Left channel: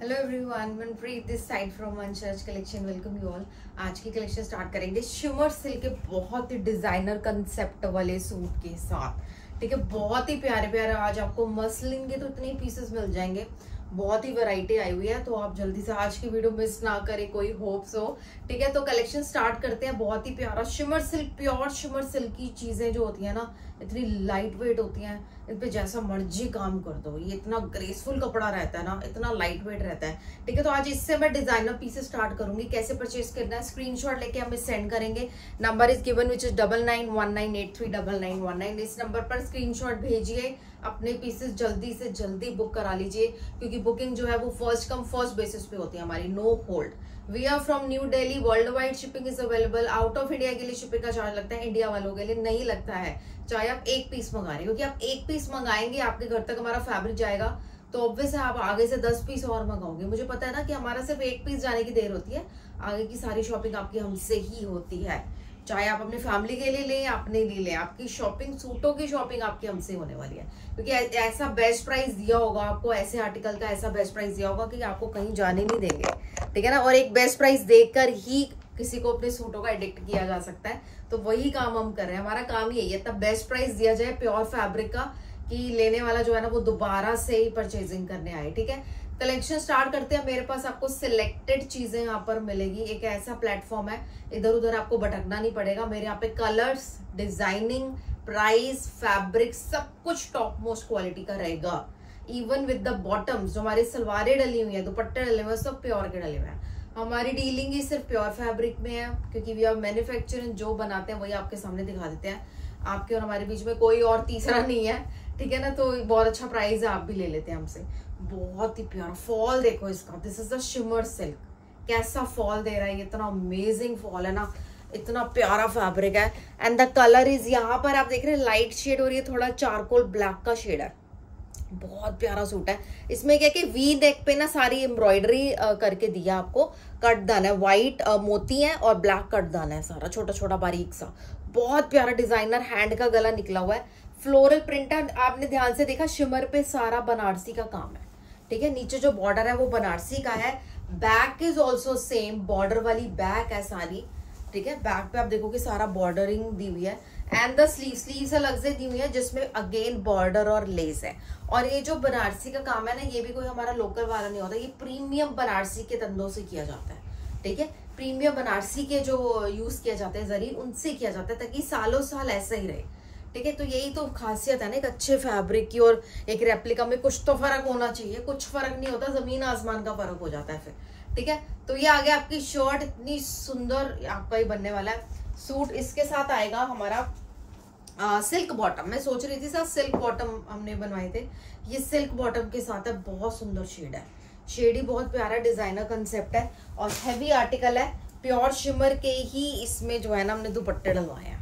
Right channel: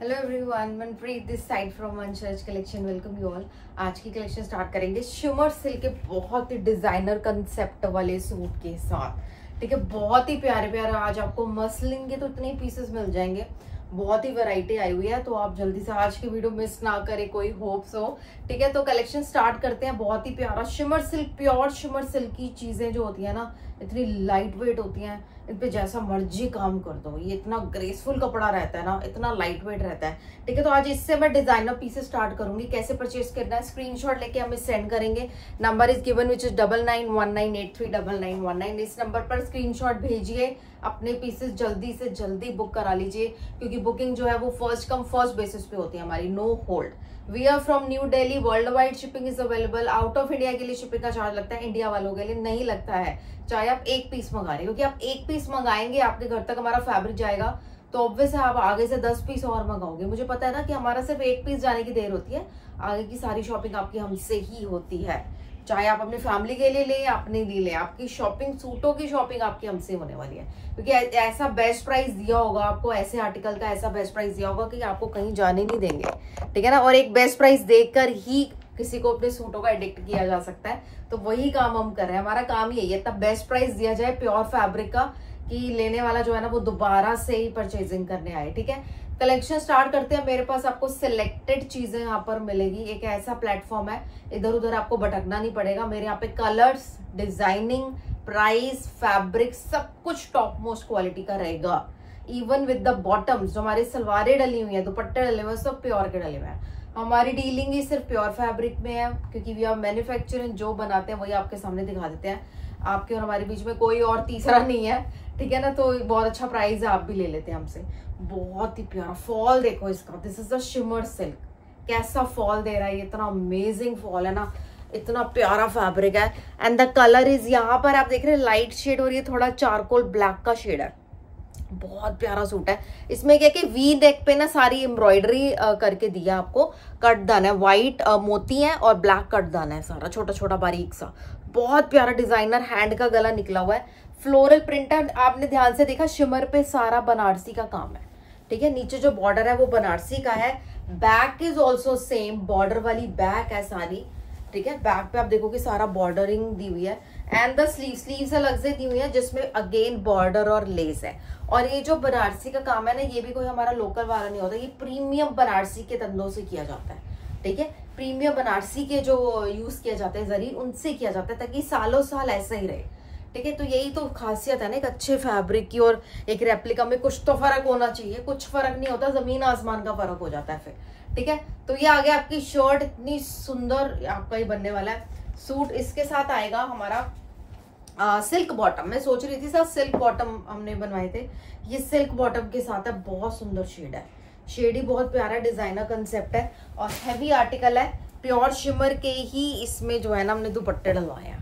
Hello everyone, Manpreet this side from मनचर्च collection. Welcome you all. आज की कलेक्शन स्टार्ट करेंगे शिमर सिल्क के बहुत ही डिजाइनर कंसेप्ट वाले सूट के साथ। ठीक है, बहुत ही प्यारे प्यारे आज आपको मसलिन के तो इतने पीसेस मिल जाएंगे, बहुत ही वैरायटी आई हुई है। तो आप जल्दी से आज की वीडियो मिस ना करें, कोई होप्स हो। ठीक है, तो कलेक्शन स्टार्ट करते हैं। बहुत ही प्यारा shimmer silk, pure shimmer silk की चीजें जो होती है ना, इतनी लाइट वेट होती हैं, इन पे जैसा मर्जी काम कर दो। ये इतना ग्रेसफुल कपड़ा रहता है ना, इतना लाइट वेट रहता है। ठीक है, तो आज इससे मैं डिजाइनर पीसेस स्टार्ट करूंगी। कैसे परचेज करना है, स्क्रीनशॉट लेके हमें सेंड करेंगे। Number is given which is 9919839919। इस नंबर पर स्क्रीनशॉट भेजिए, अपने पीसेस जल्दी से जल्दी बुक करा लीजिए, क्योंकि बुकिंग जो है वो फर्स्ट कम फर्स्ट बेसिस पे होती है हमारी, no hold. We are from New Delhi, worldwide shipping is available. Out of India के लिए शिपिंग का चार्ज लगता है, इंडिया वालों के लिए नहीं लगता है, चाहे आप एक पीस मंगा रहे हो। क्योंकि आप एक पीस मंगाएंगे, आपके घर तक हमारा फैब्रिक जाएगा, तो ऑब्वियस है आप आगे से 10 पीस और मंगाओगे। मुझे पता है ना कि हमारा सिर्फ एक पीस जाने की देर होती है, आगे की सारी शॉपिंग आपकी हमसे ही होती है। चाहे आप अपनी फैमिली के लिए लें या अपने लिए लें, आपकी शॉपिंग, सूटों की शॉपिंग आपकी हमसे होने वाली है। क्योंकि ऐसा बेस्ट प्राइस दिया होगा आपको, ऐसे आर्टिकल का ऐसा बेस्ट प्राइस दिया होगा कि आपको कहीं जाने नहीं देंगे। ठीक है ना, और एक बेस्ट प्राइस देकर ही किसी को अपने सूटों का एडिक्ट किया जा सकता है। तो वही काम हम कर रहे हैं, हमारा काम यही है, तब बेस्ट प्राइस दिया जाए प्योर फैब्रिक का, कि लेने वाला जो है ना वो दोबारा से ही परचेजिंग करने आए। ठीक है, कलेक्शन स्टार्ट करते हैं। मेरे पास आपको सिलेक्टेड चीजें यहाँ पर मिलेगी। एक ऐसा प्लेटफॉर्म है, इधर उधर आपको भटकना नहीं पड़ेगा। मेरे यहाँ पे कलर्स, डिजाइनिंग, प्राइस, फैब्रिक सब कुछ टॉप मोस्ट क्वालिटी का रहेगा। इवन विद द बॉटम्स, जो हमारी सलवारें डली हुई है, दुपट्टे डले हुए, सब प्योर के डले हुए हैं। हमारी डीलिंग ही सिर्फ प्योर फैब्रिक में है, क्योंकि वी आर मैन्युफैक्चरिंग, जो बनाते हैं वही आपके सामने दिखा देते हैं। आपके और हमारे बीच में कोई और तीसरा नहीं है। ठीक है ना, तो बहुत अच्छा प्राइस है, आप भी ले लेते हैं हमसे। बहुत ही प्यारा फॉल देखो इसका, this is the shimmer silk. कैसा फॉल दे रहा है, इतना अमेजिंग फॉल है ना, इतना प्यारा फैब्रिक है। एंड द कलर इज, यहाँ पर आप देख रहे हैं लाइट शेड और ये थोड़ा चारकोल ब्लैक का शेड है। बहुत प्यारा सूट है। इसमें क्या कि वी नेक पे ना सारी एम्ब्रॉयडरी करके दिया आपको। कट दान है, व्हाइट मोती है और ब्लैक कट दान है, सारा छोटा छोटा बारीक सा। बहुत प्यारा डिजाइनर हैंड का गला निकला हुआ है, फ्लोरल प्रिंट है। आपने ध्यान से देखा, शिमर पे सारा बनारसी का काम है। ठीक है, नीचे जो बॉर्डर है वो बनारसी का है। Back is also same, border वाली बैक है सारी। ठीक है, बैक पे आप देखोगे सारा बॉर्डरिंग दी हुई है। एंड द स्लीव्स अलग से दी हुई है, जिसमें अगेन बॉर्डर और लेस है। और ये जो बनारसी का काम है ना, ये भी कोई हमारा लोकल वाला नहीं होता, ये प्रीमियम बनारसी के तंदों से किया जाता है। ठीक है, प्रीमियम बनारसी के जो यूज किया जाते हैं जरी, उनसे किया जाता है, ताकि सालों साल ऐसा ही रहे। ठीक है, तो यही तो खासियत है ना एक अच्छे फैब्रिक की। और एक रेप्लिका में कुछ तो फर्क होना चाहिए, कुछ फर्क नहीं होता, जमीन आसमान का फर्क हो जाता है फिर। ठीक है, तो ये आ गया आपकी शर्ट, इतनी सुंदर आपका ही बनने वाला है सूट। इसके साथ आएगा हमारा सिल्क बॉटम। मैं सोच रही थी सर सिल्क बॉटम हमने बनवाए थे, ये सिल्क बॉटम के साथ है। बहुत सुंदर शेड है, शेड ही बहुत प्यारा, डिजाइनर कंसेप्ट है और हैवी आर्टिकल है। प्योर शिमर के ही इसमें जो है ना हमने दुपट्टे डलवाए हैं।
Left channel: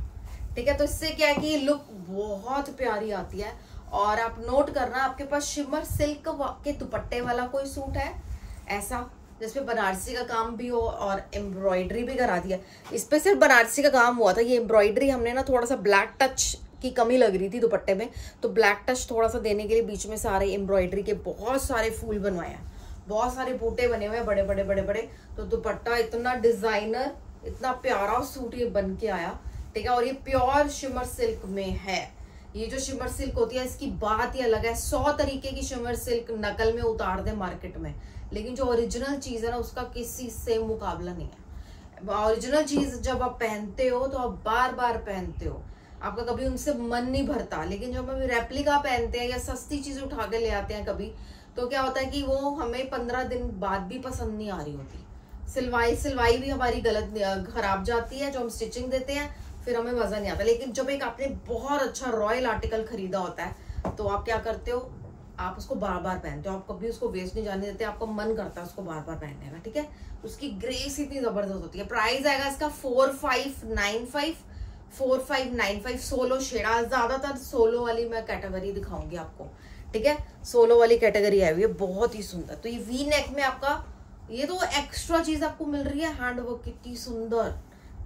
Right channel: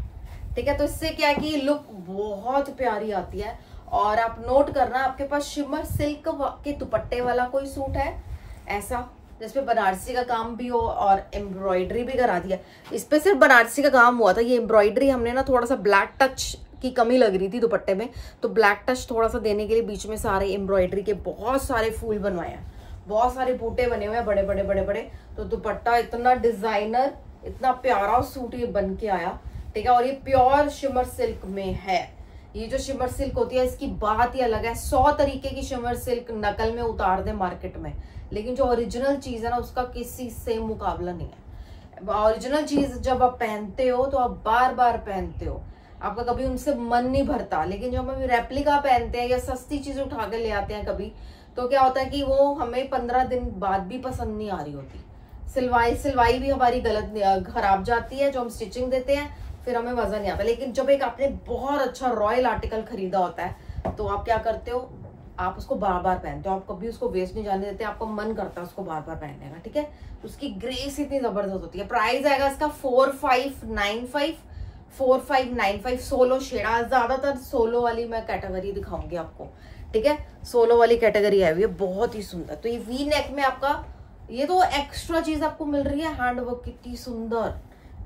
ठीक है, तो इससे क्या है कि लुक बहुत प्यारी आती है। और आप नोट करना, आपके पास शिमर सिल्क के दुपट्टे वाला कोई सूट है ऐसा जिसपे बनारसी का काम भी हो और एम्ब्रॉयडरी भी करा दिया। इस पे सिर्फ बनारसी का काम हुआ था, ये एम्ब्रॉयडरी हमने ना थोड़ा सा ब्लैक टच की कमी लग रही थी दुपट्टे में, तो ब्लैक टच थोड़ा सा देने के लिए बीच में सारे एम्ब्रॉयडरी के बहुत सारे फूल बनवाए हैं, बहुत सारे बूटे बने हुए हैं, बड़े बड़े बड़े बड़े। तो दुपट्टा इतना डिजाइनर, इतना प्यारा सूट ये बन के आया। ठीक है, और ये प्योर शिमर सिल्क में है। ये जो शिमर सिल्क होती है इसकी बात ही अलग है। 100 तरीके की शिमर सिल्क नकल में उतार दे मार्केट में, लेकिन जो ओरिजिनल चीज है ना उसका किसी से मुकाबला नहीं है। ओरिजिनल चीज जब आप पहनते हो तो आप बार बार पहनते हो, आपका कभी उनसे मन नहीं भरता। लेकिन जब हम रेप्लिका पहनते हैं या सस्ती चीज उठा के ले आते हैं कभी, तो क्या होता है कि वो हमें 15 दिन बाद भी पसंद नहीं आ रही होती। सिलवाई भी हमारी गलत खराब जाती है, जो हम स्टिचिंग देते हैं फिर हमें मजा नहीं आता। लेकिन जब एक आपने बहुत अच्छा रॉयल आर्टिकल खरीदा होता है, तो आप क्या करते हो, आप उसको बार बार पहनते हो, आप कभी उसको वेस्ट नहीं जाने देते, आपको मन करता है उसको बार बार पहनने का। ठीक है, तो उसकी ग्रेस इतनी जबरदस्त होती है। प्राइस आएगा इसका 4595 सोलो शेड। ज्यादातर सोलो वाली मैं कैटेगरी दिखाऊंगी आपको। ठीक है, सोलो वाली कैटेगरी है ये, बहुत ही सुंदर। तो ये वी नेक में आपका ये तो एक्स्ट्रा चीज आपको मिल रही है, हैंडवर्क कितनी सुंदर।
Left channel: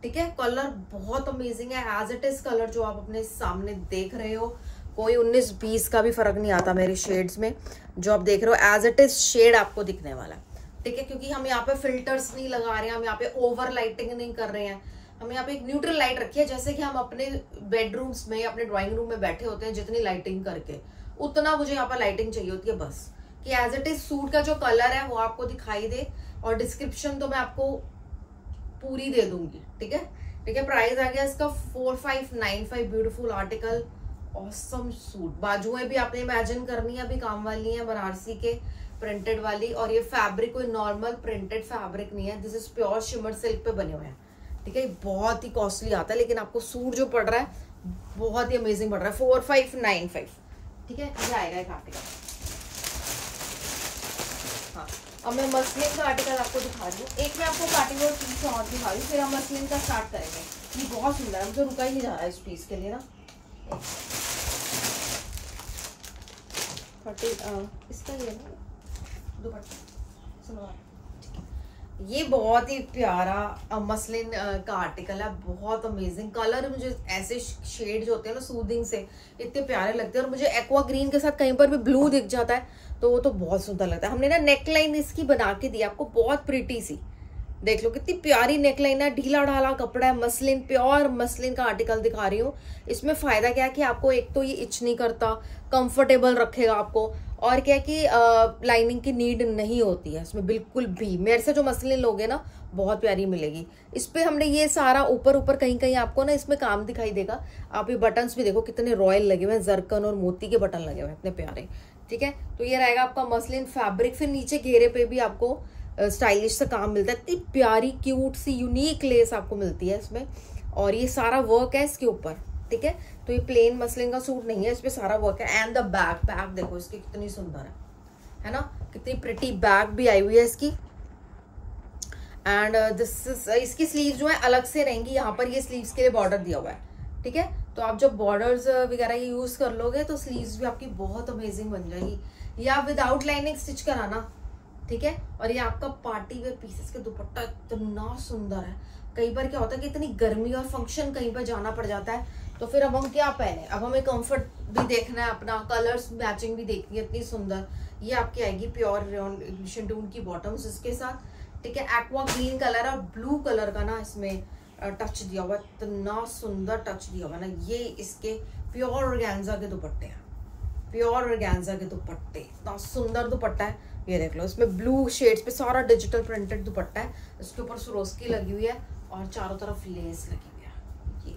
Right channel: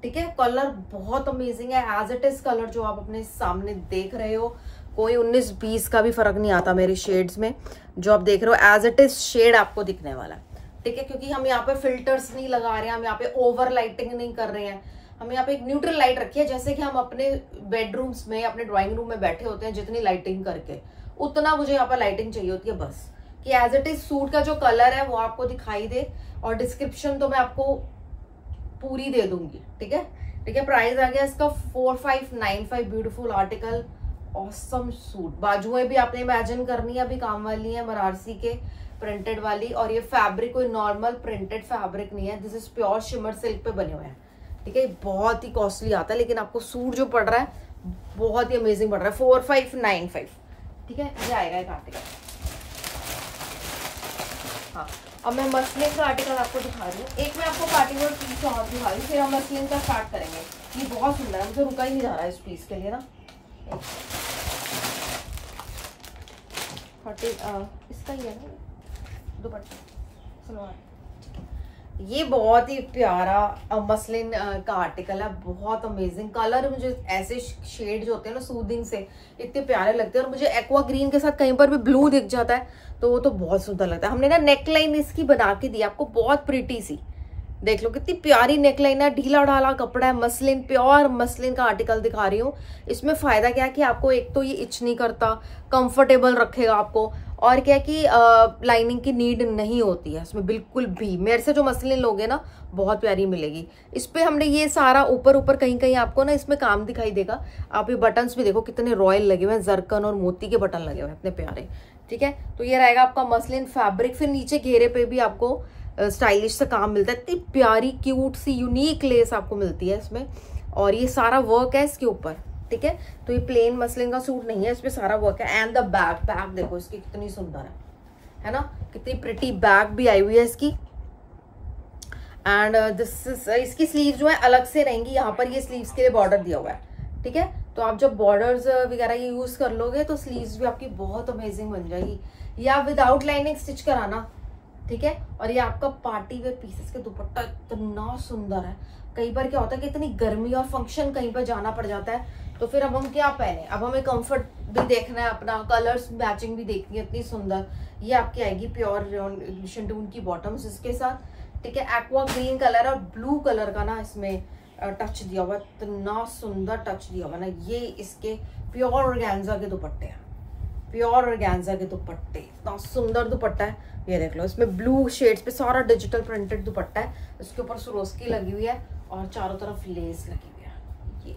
ठीक है, कलर बहुत अमेजिंग है, एज इट इज कलर जो आप अपने सामने देख रहे हो, कोई 19-20 का भी फर्क नहीं आता मेरे शेड्स में। जो आप देख रहे हो एज इट इज शेड आपको दिखने वाला है, ठीक है, क्योंकि हम यहाँ पे फिल्टर्स नहीं लगा रहे हैं, हम यहाँ पे ओवर लाइटिंग नहीं कर रहे हैं, हम यहाँ पे एक न्यूट्रल लाइट रखी है, जैसे कि हम अपने बेडरूम्स में, अपने ड्राइंग रूम में बैठे होते हैं जितनी लाइटिंग करके, उतना मुझे यहाँ पर लाइटिंग चाहिए होती है बस, कि एज इट इज सूट का जो कलर है वो आपको दिखाई दे। और डिस्क्रिप्शन तो मैं आपको पूरी दे दूंगी, ठीक है, ठीक है। प्राइस आ गया इसका 4595, ब्यूटीफुल आर्टिकल, ऑसम सूट। बाजुएं भी आपने इमेजिन करनी है, अभी काम वाली है, बनारसी के प्रिंटेड वाली। और ये फैब्रिक कोई नॉर्मल प्रिंटेड फैब्रिक नहीं है, this is pure shimmer silk पे बने हुए हैं, ठीक है। बहुत ही कॉस्टली आता है, लेकिन आपको सूट जो पड़ रहा है बहुत ही अमेजिंग पड़ रहा है। 4595, ठीक है, ये आएगा एक आर्टिकल। हाँ, अब मैं मसलिन का आर्टिकल आपको दिखा रही हूँ। एक मैं आपको पार्टी वेयर पीस और दिखा रही हूँ, फिर हम मसलिन का स्टार्ट करेंगे। ये बहुत सुंदर है, मुझे रुका ही नहीं जा रहा है इस पीस के लिए ना। 30 इसका ही है ना दुपट्टा, सलवार। ये बहुत ही प्यारा मसलिन का आर्टिकल है, बहुत अमेजिंग कलर। मुझे ऐसे शेड जो होते हैं ना सूदिंग से इतने प्यारे लगते हैं, और मुझे एक्वा ग्रीन के साथ कहीं पर भी ब्लू दिख जाता है तो वो तो बहुत सुंदर लगता है। हमने ना नेकलाइन इसकी बना के दी आपको, बहुत प्रिटी सी, देख लो कितनी प्यारी नेकलाइन है, ढीला ढाला कपड़ा है, मसलिन, प्योर मसलिन का आर्टिकल दिखा रही हूँ। इसमें फायदा क्या है कि आपको एक तो ये इच नहीं करता, कंफर्टेबल रखेगा आपको, और क्या कि लाइनिंग की नीड नहीं होती है इसमें बिल्कुल भी। मेरे से जो मसलिन लोगे ना बहुत प्यारी मिलेगी। इस पे हमने ये सारा ऊपर ऊपर कहीं कहीं आपको ना इसमें काम दिखाई देगा। आप ये बटन्स भी देखो कितने रॉयल लगे हुए हैं, जरकन और मोती के बटन लगे हुए हैं, इतने प्यारे, ठीक है। तो ये रहेगा आपका मसलिन फैब्रिक। फिर नीचे घेरे पे भी आपको स्टाइलिश सा काम मिलता है, इतनी प्यारी क्यूट सी यूनिक लेस आपको मिलती है इसमें, और ये सारा वर्क है इसके ऊपर, ठीक है। तो ये प्लेन मसलिन का सूट नहीं है, इसमें सारा वर्क है। एंड द बैक देखो इसकी कितनी सुंदर है ना, कितनी प्रिटी बैक भी आई हुई है इसकी। एंड दिस इज, इसकी स्लीव जो है अलग से रहेंगी, यहाँ पर ये स्लीव्स के लिए बॉर्डर दिया हुआ है, ठीक है। तो आप जब बॉर्डर्स वगैरह ये यूज कर लोगे तो स्लीव्स भी आपकी बहुत अमेजिंग बन जाएगी। या विदाउट लाइनिंग स्टिच कराना, ठीक है। और ये आपका पार्टी वेयर पीसेस के दुपट्टा इतना सुंदर है। कई बार क्या होता है कि इतनी गर्मी और फंक्शन कहीं पर जाना पड़ जाता है, तो फिर अब हम क्या पहने, अब हमें कंफर्ट भी देखना है, अपना कलर्स मैचिंग भी देखनी है। इतनी सुंदर ये आपकी आएगी प्योर शिंटून की बॉटम्स इसके साथ, ठीक है। एक्वा ग्रीन कलर और ब्लू कलर का ना इसमें टच दिया हुआ, इतना सुंदर टच दिया हुआ ना। ये इसके प्योर ऑर्गेन्जा के दुपट्टे हैं, प्योर ऑर्गेन्जा के दुपट्टे, इतना सुंदर दुपट्टा है। ये देख लो, इसमें ब्लू शेड्स पे सारा डिजिटल प्रिंटेड दुपट्टा है, इसके ऊपर सरोस्की लगी हुई है और चारों तरफ लेस लगी हुई है, ये,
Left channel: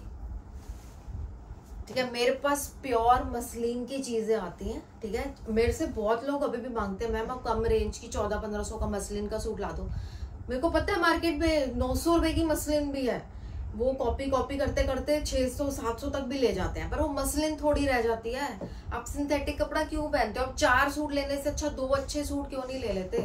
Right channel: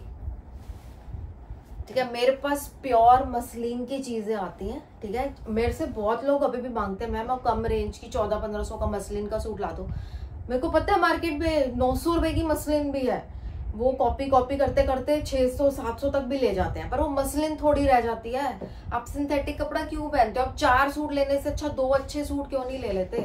ठीक है। मेरे पास प्योर मसलिन की चीजें आती हैं, ठीक है। मेरे से बहुत लोग अभी भी मांगते हैं मैम आप कम रेंज की 1400-1500 का मसलिन का सूट ला दो। मेरे को पता है मार्केट में 900 रुपए की मसलिन भी है, वो कॉपी करते करते 600-700 तक भी ले जाते हैं, पर वो मसलिन थोड़ी रह जाती है। आप सिंथेटिक कपड़ा क्यों पहनते हो? आप 4 सूट लेने से अच्छा 2 अच्छे सूट क्यों नहीं ले लेते?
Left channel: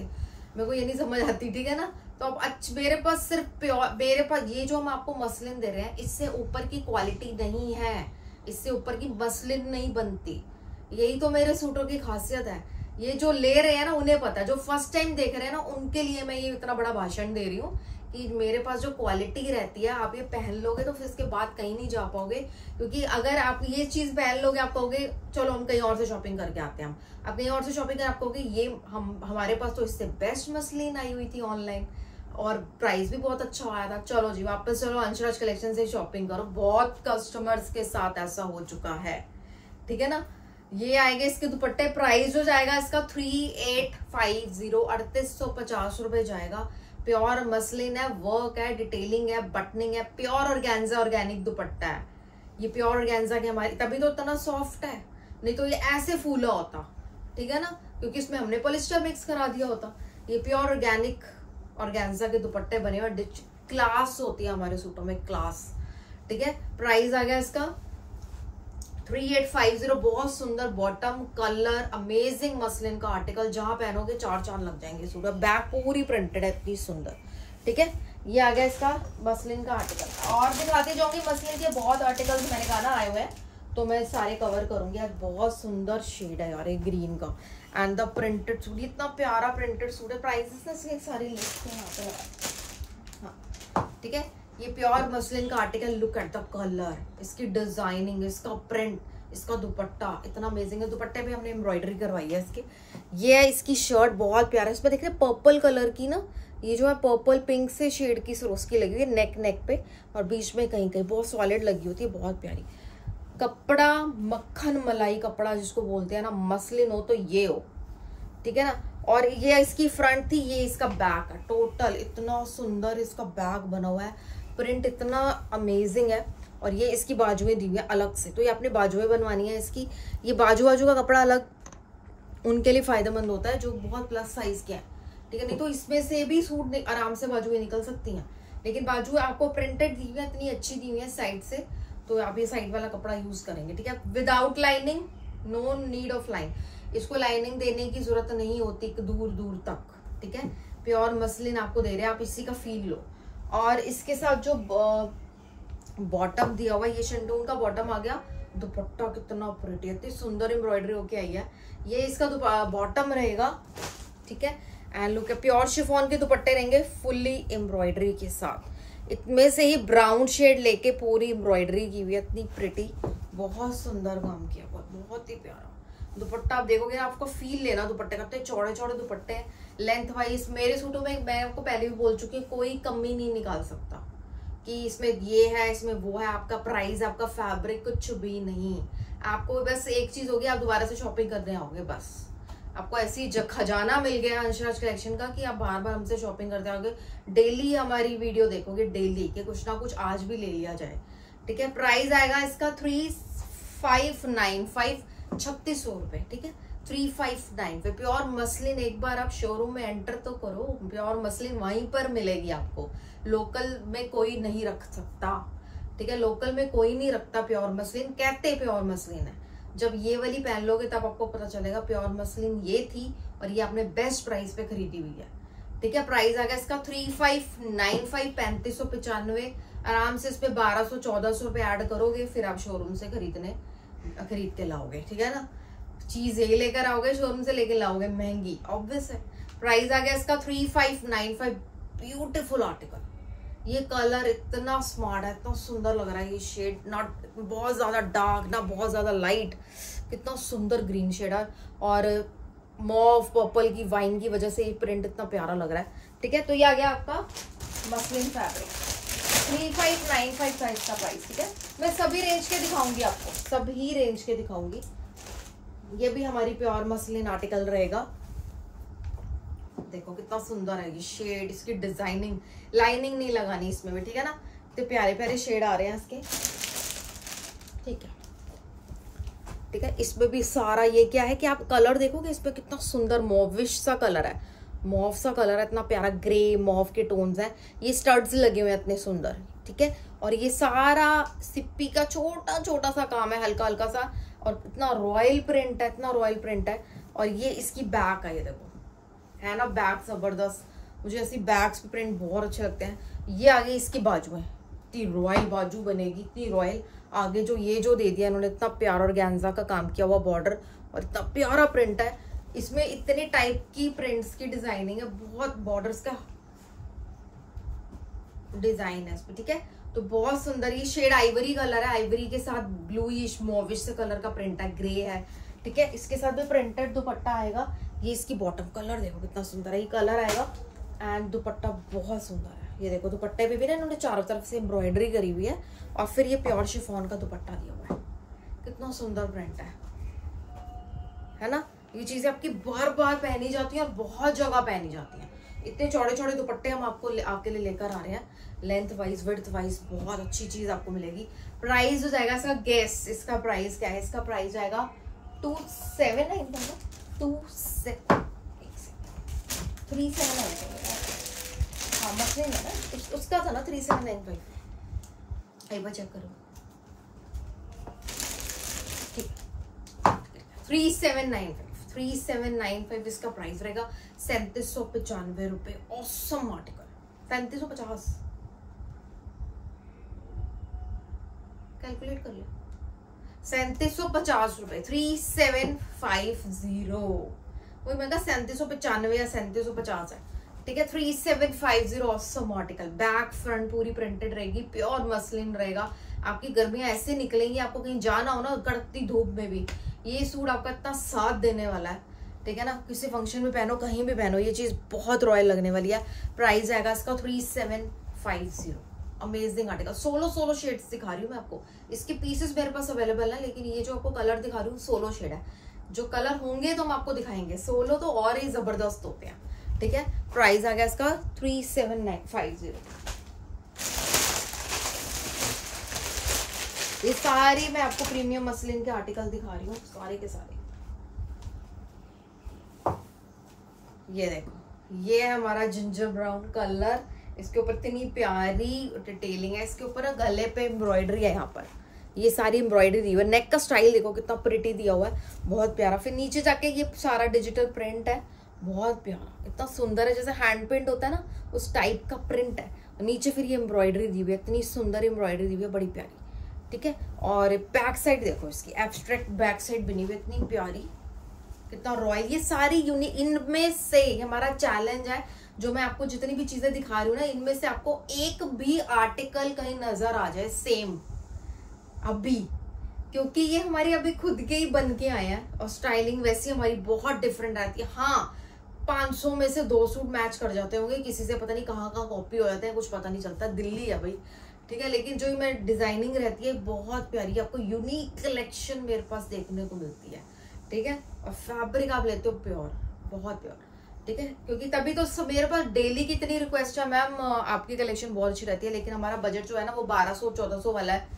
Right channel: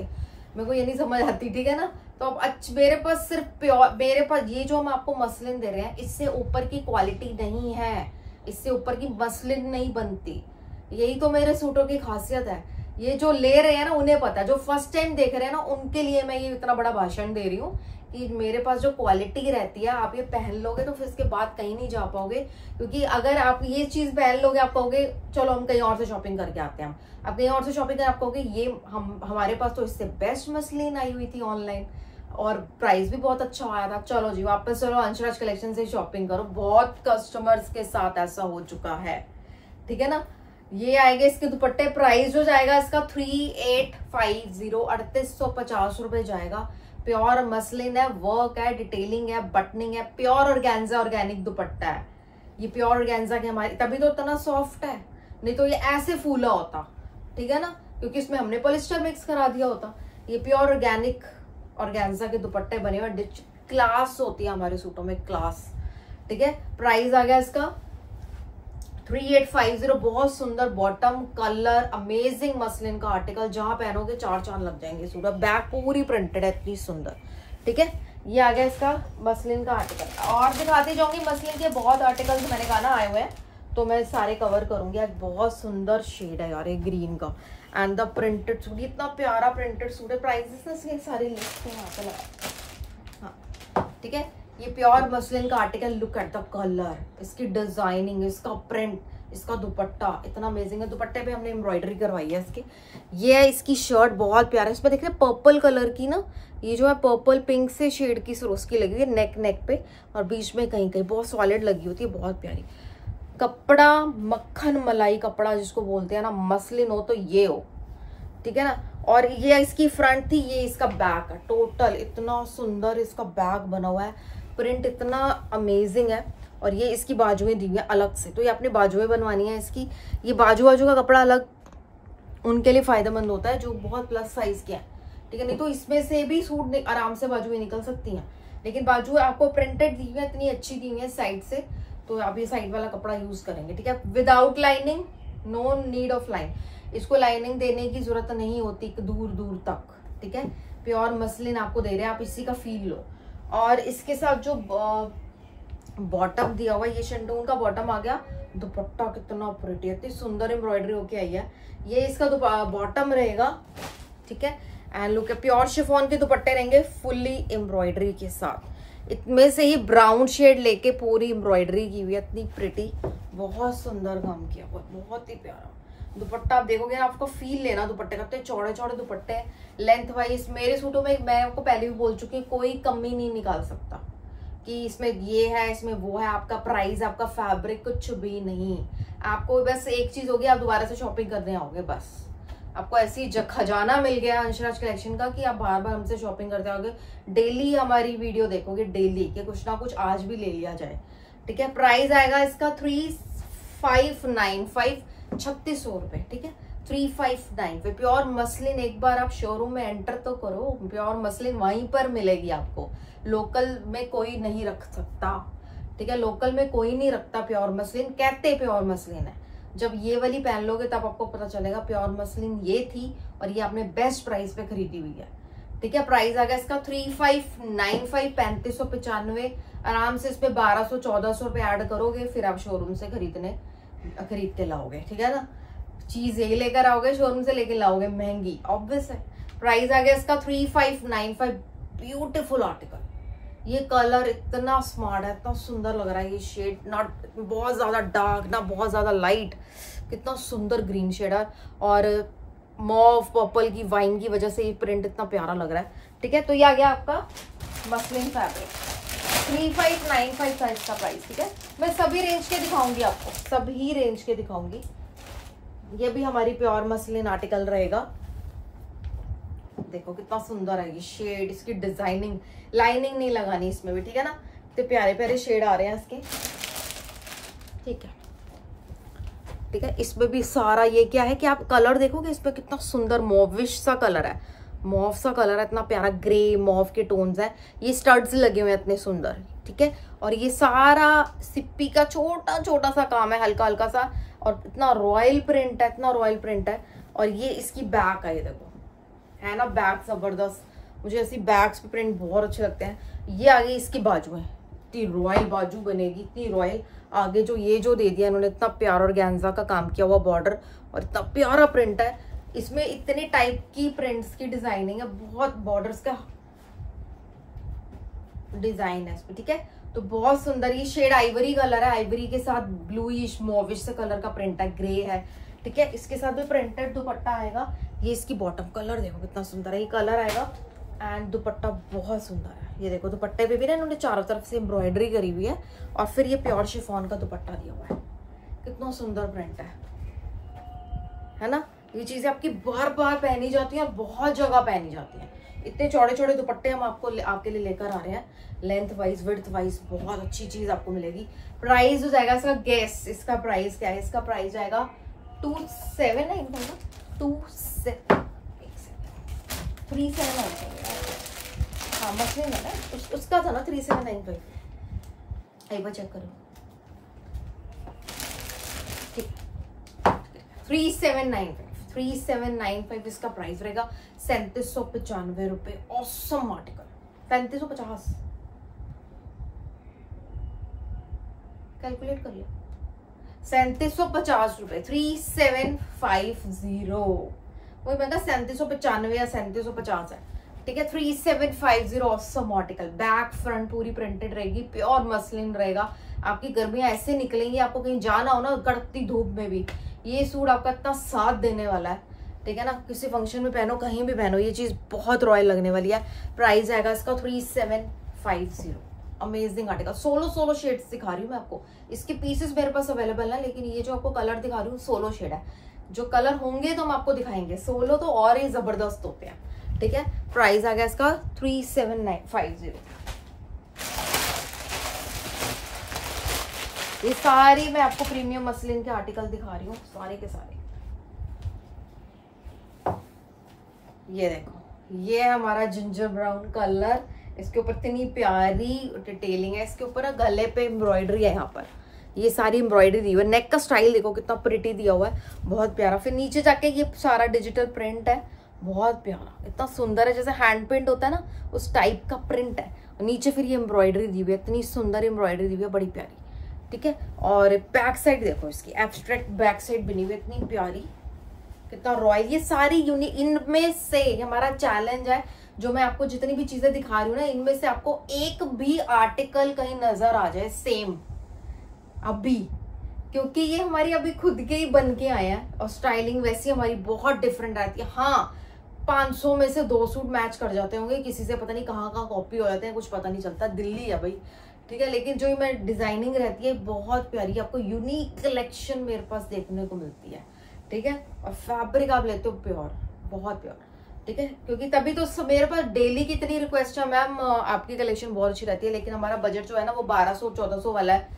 मेरे को ये नहीं समझ आती, ठीक है ना। तो अब मेरे पास सिर्फ प्योर, मेरे पास ये जो हम आपको मसलिन दे रहे हैं इससे ऊपर की क्वालिटी नहीं है, इससे ऊपर की मसलिन नहीं बनती। यही तो मेरे सूटों की खासियत है। ये जो ले रहे हैं ना उन्हें पता है, जो फर्स्ट टाइम देख रहे हैं ना उनके लिए मैं ये इतना बड़ा भाषण दे रही हूँ कि मेरे पास जो क्वालिटी रहती है आप ये पहन लोगे तो फिर इसके बाद कहीं नहीं जा पाओगे। क्योंकि अगर आप ये चीज पहन लोगे आप कहोगे चलो हम कहीं और से शॉपिंग करके आते हैं, आप कहीं और से शॉपिंग कर आप कहोगे ये हमारे पास तो इससे बेस्ट मसलिन आई हुई थी ऑनलाइन और प्राइस भी बहुत अच्छा आया था, चलो जी वापस चलो अंशराज कलेक्शन से शॉपिंग करो। बहुत कस्टमर्स के साथ ऐसा हो चुका है, ठीक है ना। ये आएगा इसके दुपट्टे, प्राइस जो जाएगा इसका 3850, 3850 रुपए जाएगा। प्योर मसलिन है, वर्क है, डिटेलिंग है, बटनिंग है, प्योर ऑर्गेन्जा ऑर्गेनिक दुपट्टा है। ये प्योर ऑर्गेन्जा की हमारी, तभी तो इतना सॉफ्ट है, नहीं तो ये ऐसे फूला होता, ठीक है ना, क्योंकि इसमें हमने पॉलिस्टर मिक्स करा दिया होता। ये प्योर ऑर्गेनिक ऑर्गेन्जा के दुपट्टे बने हुए, क्लास होती है हमारे सूटों में, क्लास, ठीक है। प्राइस आ गया इसका 3850। बहुत सुंदर बॉटम कलर, अमेजिंग मसलिन का आर्टिकल, जहां पहनोगे 4 चांद लग जाएंगे। सूट बैक पूरी प्रिंटेड है, इतनी सुंदर, ठीक है। ये आ गया इसका मसलिन का आर्टिकल। और दिखाते जाऊंगी मसलिन के बहुत आर्टिकल्स, मैंने कहा ना आए हुए हैं तो मैं सारे कवर करूंगी। आज बहुत सुंदर शेड है यार ये ग्रीन का, एंड द प्रिंटेड सूट, इतना प्यारा प्रिंटेड सूट है। प्राइसेस इसके सारे लिस्ट यहाँ पे लगा, हाँ ठीक है। ये प्योर मसलिन का article, look at the colour, इसकी डिजाइनिंग, इसका प्रिंट, इसका दुपट्टा इतना अमेजिंग है, दुपट्टे पे हमने एम्ब्रॉयडरी करवाई है इसके। ये है इसकी शर्ट, बहुत प्यारा है। इस पर देख रहे हैं पर्पल कलर की ना, ये जो है पर्पल पिंक से शेड की सरोस्की लगी हुई है नेक पे, और बीच में कहीं कहीं बहुत सॉलिड लगी होती है, बहुत प्यारी। कपड़ा मक्खन मलाई कपड़ा जिसको बोलते हैं ना, मसलिन हो तो ये हो, ठीक है ना। और ये इसकी फ्रंट थी, ये इसका बैक है। टोटल इतना सुंदर इसका बैक बना हुआ है, प्रिंट इतना अमेजिंग है। और ये इसकी बाजुएं दी हुई है अलग से, तो ये अपनी बाजुएं बनवानी है इसकी। ये बाजू का कपड़ा अलग उनके लिए फायदेमंद होता है जो बहुत प्लस साइज के हैं, ठीक है। नहीं तो इसमें से भी सूट आराम से बाजुएं निकल सकती हैं, लेकिन बाजू आपको प्रिंटेड दी हुई है, इतनी अच्छी दी हुई है साइड से, तो आप ये साइड वाला कपड़ा यूज करेंगे, ठीक है। Without lining, no need of line, इसको लाइनिंग देने की जरूरत नहीं होती दूर दूर तक, ठीक है। प्योर मसलिन आपको दे रहे हैं, आप इसी का फील लो। और इसके साथ जो बॉटम दिया हुआ है, ये शेंटून का बॉटम आ गया। दुपट्टा कितना प्रिटी है, इतनी सुंदर एम्ब्रॉयडरी होके आई है। ये इसका बॉटम रहेगा, ठीक है। एंड लुक, प्योर शिफॉन के दुपट्टे रहेंगे फुल्ली एम्ब्रॉयडरी के साथ। इतने से ही ब्राउन शेड लेके पूरी एम्ब्रॉयडरी की हुई है, इतनी प्रिटी, बहुत सुंदर काम किया हुआ, बहुत ही प्यारा दुपट्टा। आप देखोगे आपको फील लेना दुपट्टे का, तो चौड़े चौड़े दुपट्टे लेंथ वाइज। मेरे सूटों में मैं आपको पहले भी बोल चुकी हूँ, कोई कमी नहीं निकाल सकता कि इसमें ये है इसमें वो है। आपका प्राइस, आपका फैब्रिक कुछ भी नहीं, आपको बस एक चीज होगी, आप दोबारा से शॉपिंग करने आओगे, बस आपको ऐसी खजाना मिल गया अंशराज कलेक्शन का कि आप बार बार हमसे शॉपिंग करते आओगे। डेली हमारी वीडियो देखोगे, डेली के कुछ ना कुछ आज भी ले लिया जाए, ठीक है। प्राइस आएगा इसका 3595, 3600 रुपए, ठीक है। 3595 प्योर मसलिन। एक बार आप शोरूम में एंटर तो करो, प्योर मसलिन वहीं पर मिलेगी आपको, लोकल में कोई नहीं रख सकता, ठीक है। लोकल में कोई नहीं रखता प्योर मसलिन, कहते प्योर मसलिन है। जब ये वाली पहन लोगे तब आपको पता चलेगा प्योर मसलिन ये थी, और ये आपने बेस्ट प्राइस पे खरीदी हुई है, ठीक है। प्राइस आ गया इसका 3595, 3595। आराम से इस पे 1200-1400 रुपए ऐड करोगे, फिर आप शोरूम से खरीद के लाओगे, ठीक है ना। चीज ये लेकर आओगे, शोरूम से लेकर लाओगे महंगी, ऑब्वियस है। प्राइस आ गया इसका 3595। ब्यूटीफुल आर्टिकल, ये कलर इतना स्मार्ट है, इतना सुंदर लग रहा है। ये शेड नॉट बहुत ज्यादा डार्क ना बहुत ज्यादा लाइट, कितना सुंदर ग्रीन शेड है, और मॉव पर्पल की वाइन की वजह से ये प्रिंट इतना प्यारा लग रहा है, ठीक है। तो ये आ गया आपका मसलिन फैब्रिक, 3595 का इसका प्राइस, ठीक है। मैं सभी रेंज के दिखाऊंगी आपको, सभी रेंज के दिखाऊंगी। ये भी हमारी प्योर मसलिन आर्टिकल रहेगा। देखो कितना सुंदर है ये शेड, इसकी डिजाइनिंग, लाइनिंग नहीं लगानी इसमें भी, ठीक है ना। तो प्यारे प्यारे शेड आ रहे हैं इसके, ठीक है, ठीक है। इसमें भी सारा ये क्या है कि आप कलर देखोगे इस पे कितना सुंदर मॉविश सा कलर है, मॉव सा कलर है, इतना प्यारा ग्रे मॉव के टोन्स है। ये स्टड्स लगे हुए हैं इतने सुंदर, ठीक है। और ये सारा सिप्पी का छोटा छोटा सा काम है, हल्का हल्का सा, और इतना रॉयल प्रिंट है, इतना रॉयल प्रिंट है। और ये इसकी बैक है, ये देखो है ना, बैक जबरदस्त, मुझे ऐसी बैक्स पे प्रिंट बहुत अच्छे लगते हैं। ये आगे इसकी बाजू है, इतनी रॉयल बाजू बनेगी, इतनी रॉयल। आगे जो ये जो दे दिया इन्होंने, इतना प्यारा ऑर्गेन्जा का काम किया हुआ बॉर्डर, और इतना प्यारा प्रिंट है। इसमें इतने टाइप की प्रिंट्स की डिजाइनिंग है, बहुत बॉर्डर्स का डिजाइन है इसमें, ठीक है। तो बहुत सुंदर ये शेड आइवरी कलर है, आइवरी के साथ ब्लूइश मॉविश से कलर का प्रिंट है, ग्रे है, ठीक है। इसके साथ भी प्रिंटेड दुपट्टा आएगा। ये इसकी बॉटम कलर देखो कितना सुंदर है, ये कलर आएगा। एंड दुपट्टा बहुत सुंदर है, ये देखो दुपट्टे पे भी ना इन्होंने चारों तरफ से एम्ब्रॉयडरी करी हुई है, और फिर ये प्योर शिफॉन का दुपट्टा दिया हुआ है, कितना सुंदर प्रिंट है ना। ये चीजें आपकी बार बार पहनी जाती है और बहुत जगह पहनी जाती है। इतने चौड़े चौड़े दुपट्टे हम आपके लिए लेकर आ रहे हैं, लेंथ वाइज विड्थ वाइज बहुत अच्छी चीज आपको मिलेगी। प्राइस हो जाएगा इसका, गैस इसका प्राइस क्या है, इसका प्राइस आएगा 279, 379। हाँ मसलिन है ना, उसका था ना 3795, एक बार चेक करो, 3795 इसका प्राइस रहेगा। 3795 रुपए, ऑसम आर्टिकल। 3750 कैलकुलेट कर लो, 3750 रुपए, 3750। वही मैंने 3795 या 3750 है, ठीक है। 3750 ऑसम आर्टिकल, बैक फ्रंट पूरी प्रिंटेड रहेगी, प्योर मसलिन रहेगा। आपकी गर्मियां ऐसे निकलेंगी, आपको कहीं जाना हो ना कड़कती धूप में भी, ये सूट आपका इतना साथ देने वाला है, ठीक है ना। किसी फंक्शन में पहनो, कहीं भी पहनो, ये चीज बहुत रॉयल लगने वाली है। प्राइस आएगा इसका 3750। अमेजिंग आर्टिकल, 16 शेड्स दिखा रही हूँ मैं आपको। इसके पीसेस मेरे पास अवेलेबल है, लेकिन ये जो आपको कलर दिखा रही हूँ 16 शेड है। जो कलर होंगे तो हम आपको दिखाएंगे, 16 तो और ही जबरदस्त होते हैं, ठीक है। प्राइस आ गया इसका 37950। ये सारी मैं आपको प्रीमियम मसलिन के आर्टिकल दिखा रही हूँ, सारे के सारे। ये देखो, ये है हमारा जिंजर ब्राउन कलर, इसके ऊपर इतनी प्यारी डिटेलिंग है, इसके ऊपर गले पे एम्ब्रॉयडरी है, यहाँ पर ये सारी एम्ब्रॉयडरी दी हुई है। नेक का स्टाइल देखो कितना प्रिटी दिया हुआ है, बहुत प्यारा। फिर नीचे जाके ये सारा डिजिटल प्रिंट है, बहुत प्यारा, इतना सुंदर है, जैसे हैंड पेंट होता है ना उस टाइप का प्रिंट है। नीचे फिर ये एम्ब्रॉयडरी दी हुई है, इतनी सुंदर एम्ब्रॉयडरी दी हुई है, बड़ी प्यारी, ठीक है। और बैक साइड देखो, इसकी एब्स्ट्रैक्ट बैक साइड बनी हुई है, इतनी प्यारी, कितना रॉयल। ये सारी यूनिक, इनमें से हमारा चैलेंज है, जो मैं आपको जितनी भी चीजें दिखा रही हूँ ना, इनमें से आपको एक भी आर्टिकल कहीं नजर आ जाए सेम अभी, क्योंकि ये हमारी अभी खुद के ही बन के आए हैं, और स्टाइलिंग वैसी हमारी बहुत डिफरेंट रहती है। हाँ, 500 में से 2 सूट मैच कर जाते होंगे, किसी से पता नहीं कहाँ कॉपी हो जाते हैं, कुछ पता नहीं चलता, दिल्ली है भाई, ठीक है। लेकिन जो मैं डिजाइनिंग रहती है बहुत प्यारी, आपको यूनिक कलेक्शन मेरे पास देखने को मिलती है, ठीक है। और फैब्रिक आप लेते हो प्योर, बहुत प्योर, ठीक है। क्योंकि तभी तो मेरे पास डेली की इतनी रिक्वेस्ट है, मैम आपकी कलेक्शन बहुत अच्छी रहती है, लेकिन हमारा बजट जो है ना वो 1200-1400 वाला है।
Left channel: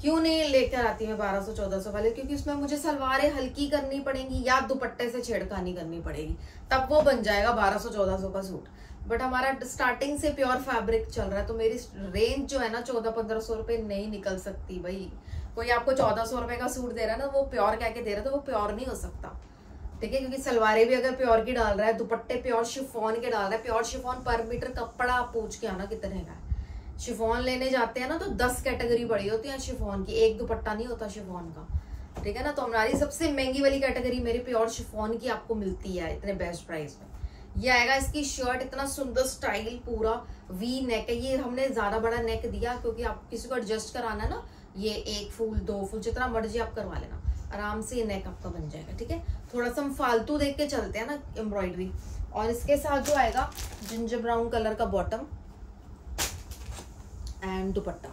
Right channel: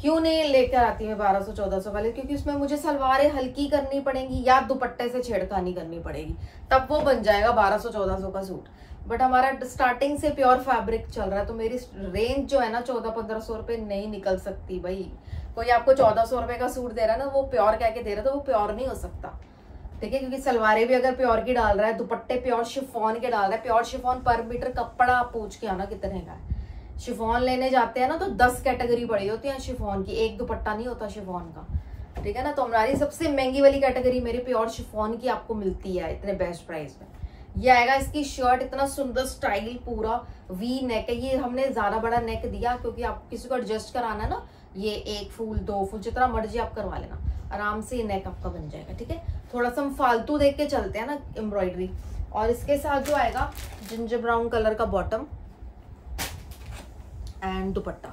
क्यों नहीं लेकर आती है 1200-1400 वाले? क्योंकि उसमें मुझे सलवारें हल्की करनी पड़ेंगी या दुपट्टे से छेड़खानी करनी पड़ेगी, तब वो बन जाएगा 1200-1400 का सूट। बट हमारा स्टार्टिंग से प्योर फैब्रिक चल रहा है, तो मेरी रेंज जो है ना 1400-1500 रुपए नहीं निकल सकती भाई। कोई आपको 1400 रुपए का सूट दे रहा है ना, वो प्योर कह के दे रहा है, तो वो प्योर नहीं हो सकता, ठीक है। क्योंकि सलवारें भी अगर प्योर की डाल रहा है, दुपट्टे प्योर शिफॉन के डाल रहा है, प्योर शिफॉन पर मीटर कपड़ा आप पूछ के आना कितने का है। शिफॉन लेने जाते हैं ना तो 10 कैटेगरी पड़ी होती है शिफॉन की, एक दुपट्टा नहीं होता शिफॉन का, ठीक है ना। तो हमारी सबसे महंगी वाली कैटेगरी मेरी प्योर शिफॉन की आपको मिलती है इतने बेस्ट प्राइस में। ये आएगा इसकी शर्ट, इतना सुंदर स्टाइल, पूरा वी नेक है। ये हमने ज्यादा बड़ा नेक दिया क्योंकि आप किसी को एडजस्ट कराना है ना, ये 1 फूल 2 फूल जितना मर्जी आप करवा लेना, आराम से ये नेक आपका बन जाएगा, ठीक है। थोड़ा सा हम फालतू देख के चलते हैं ना एम्ब्रॉयडरी। और इसके साथ जो आएगा जिंजर ब्राउन कलर का बॉटम एंड दुपट्टा,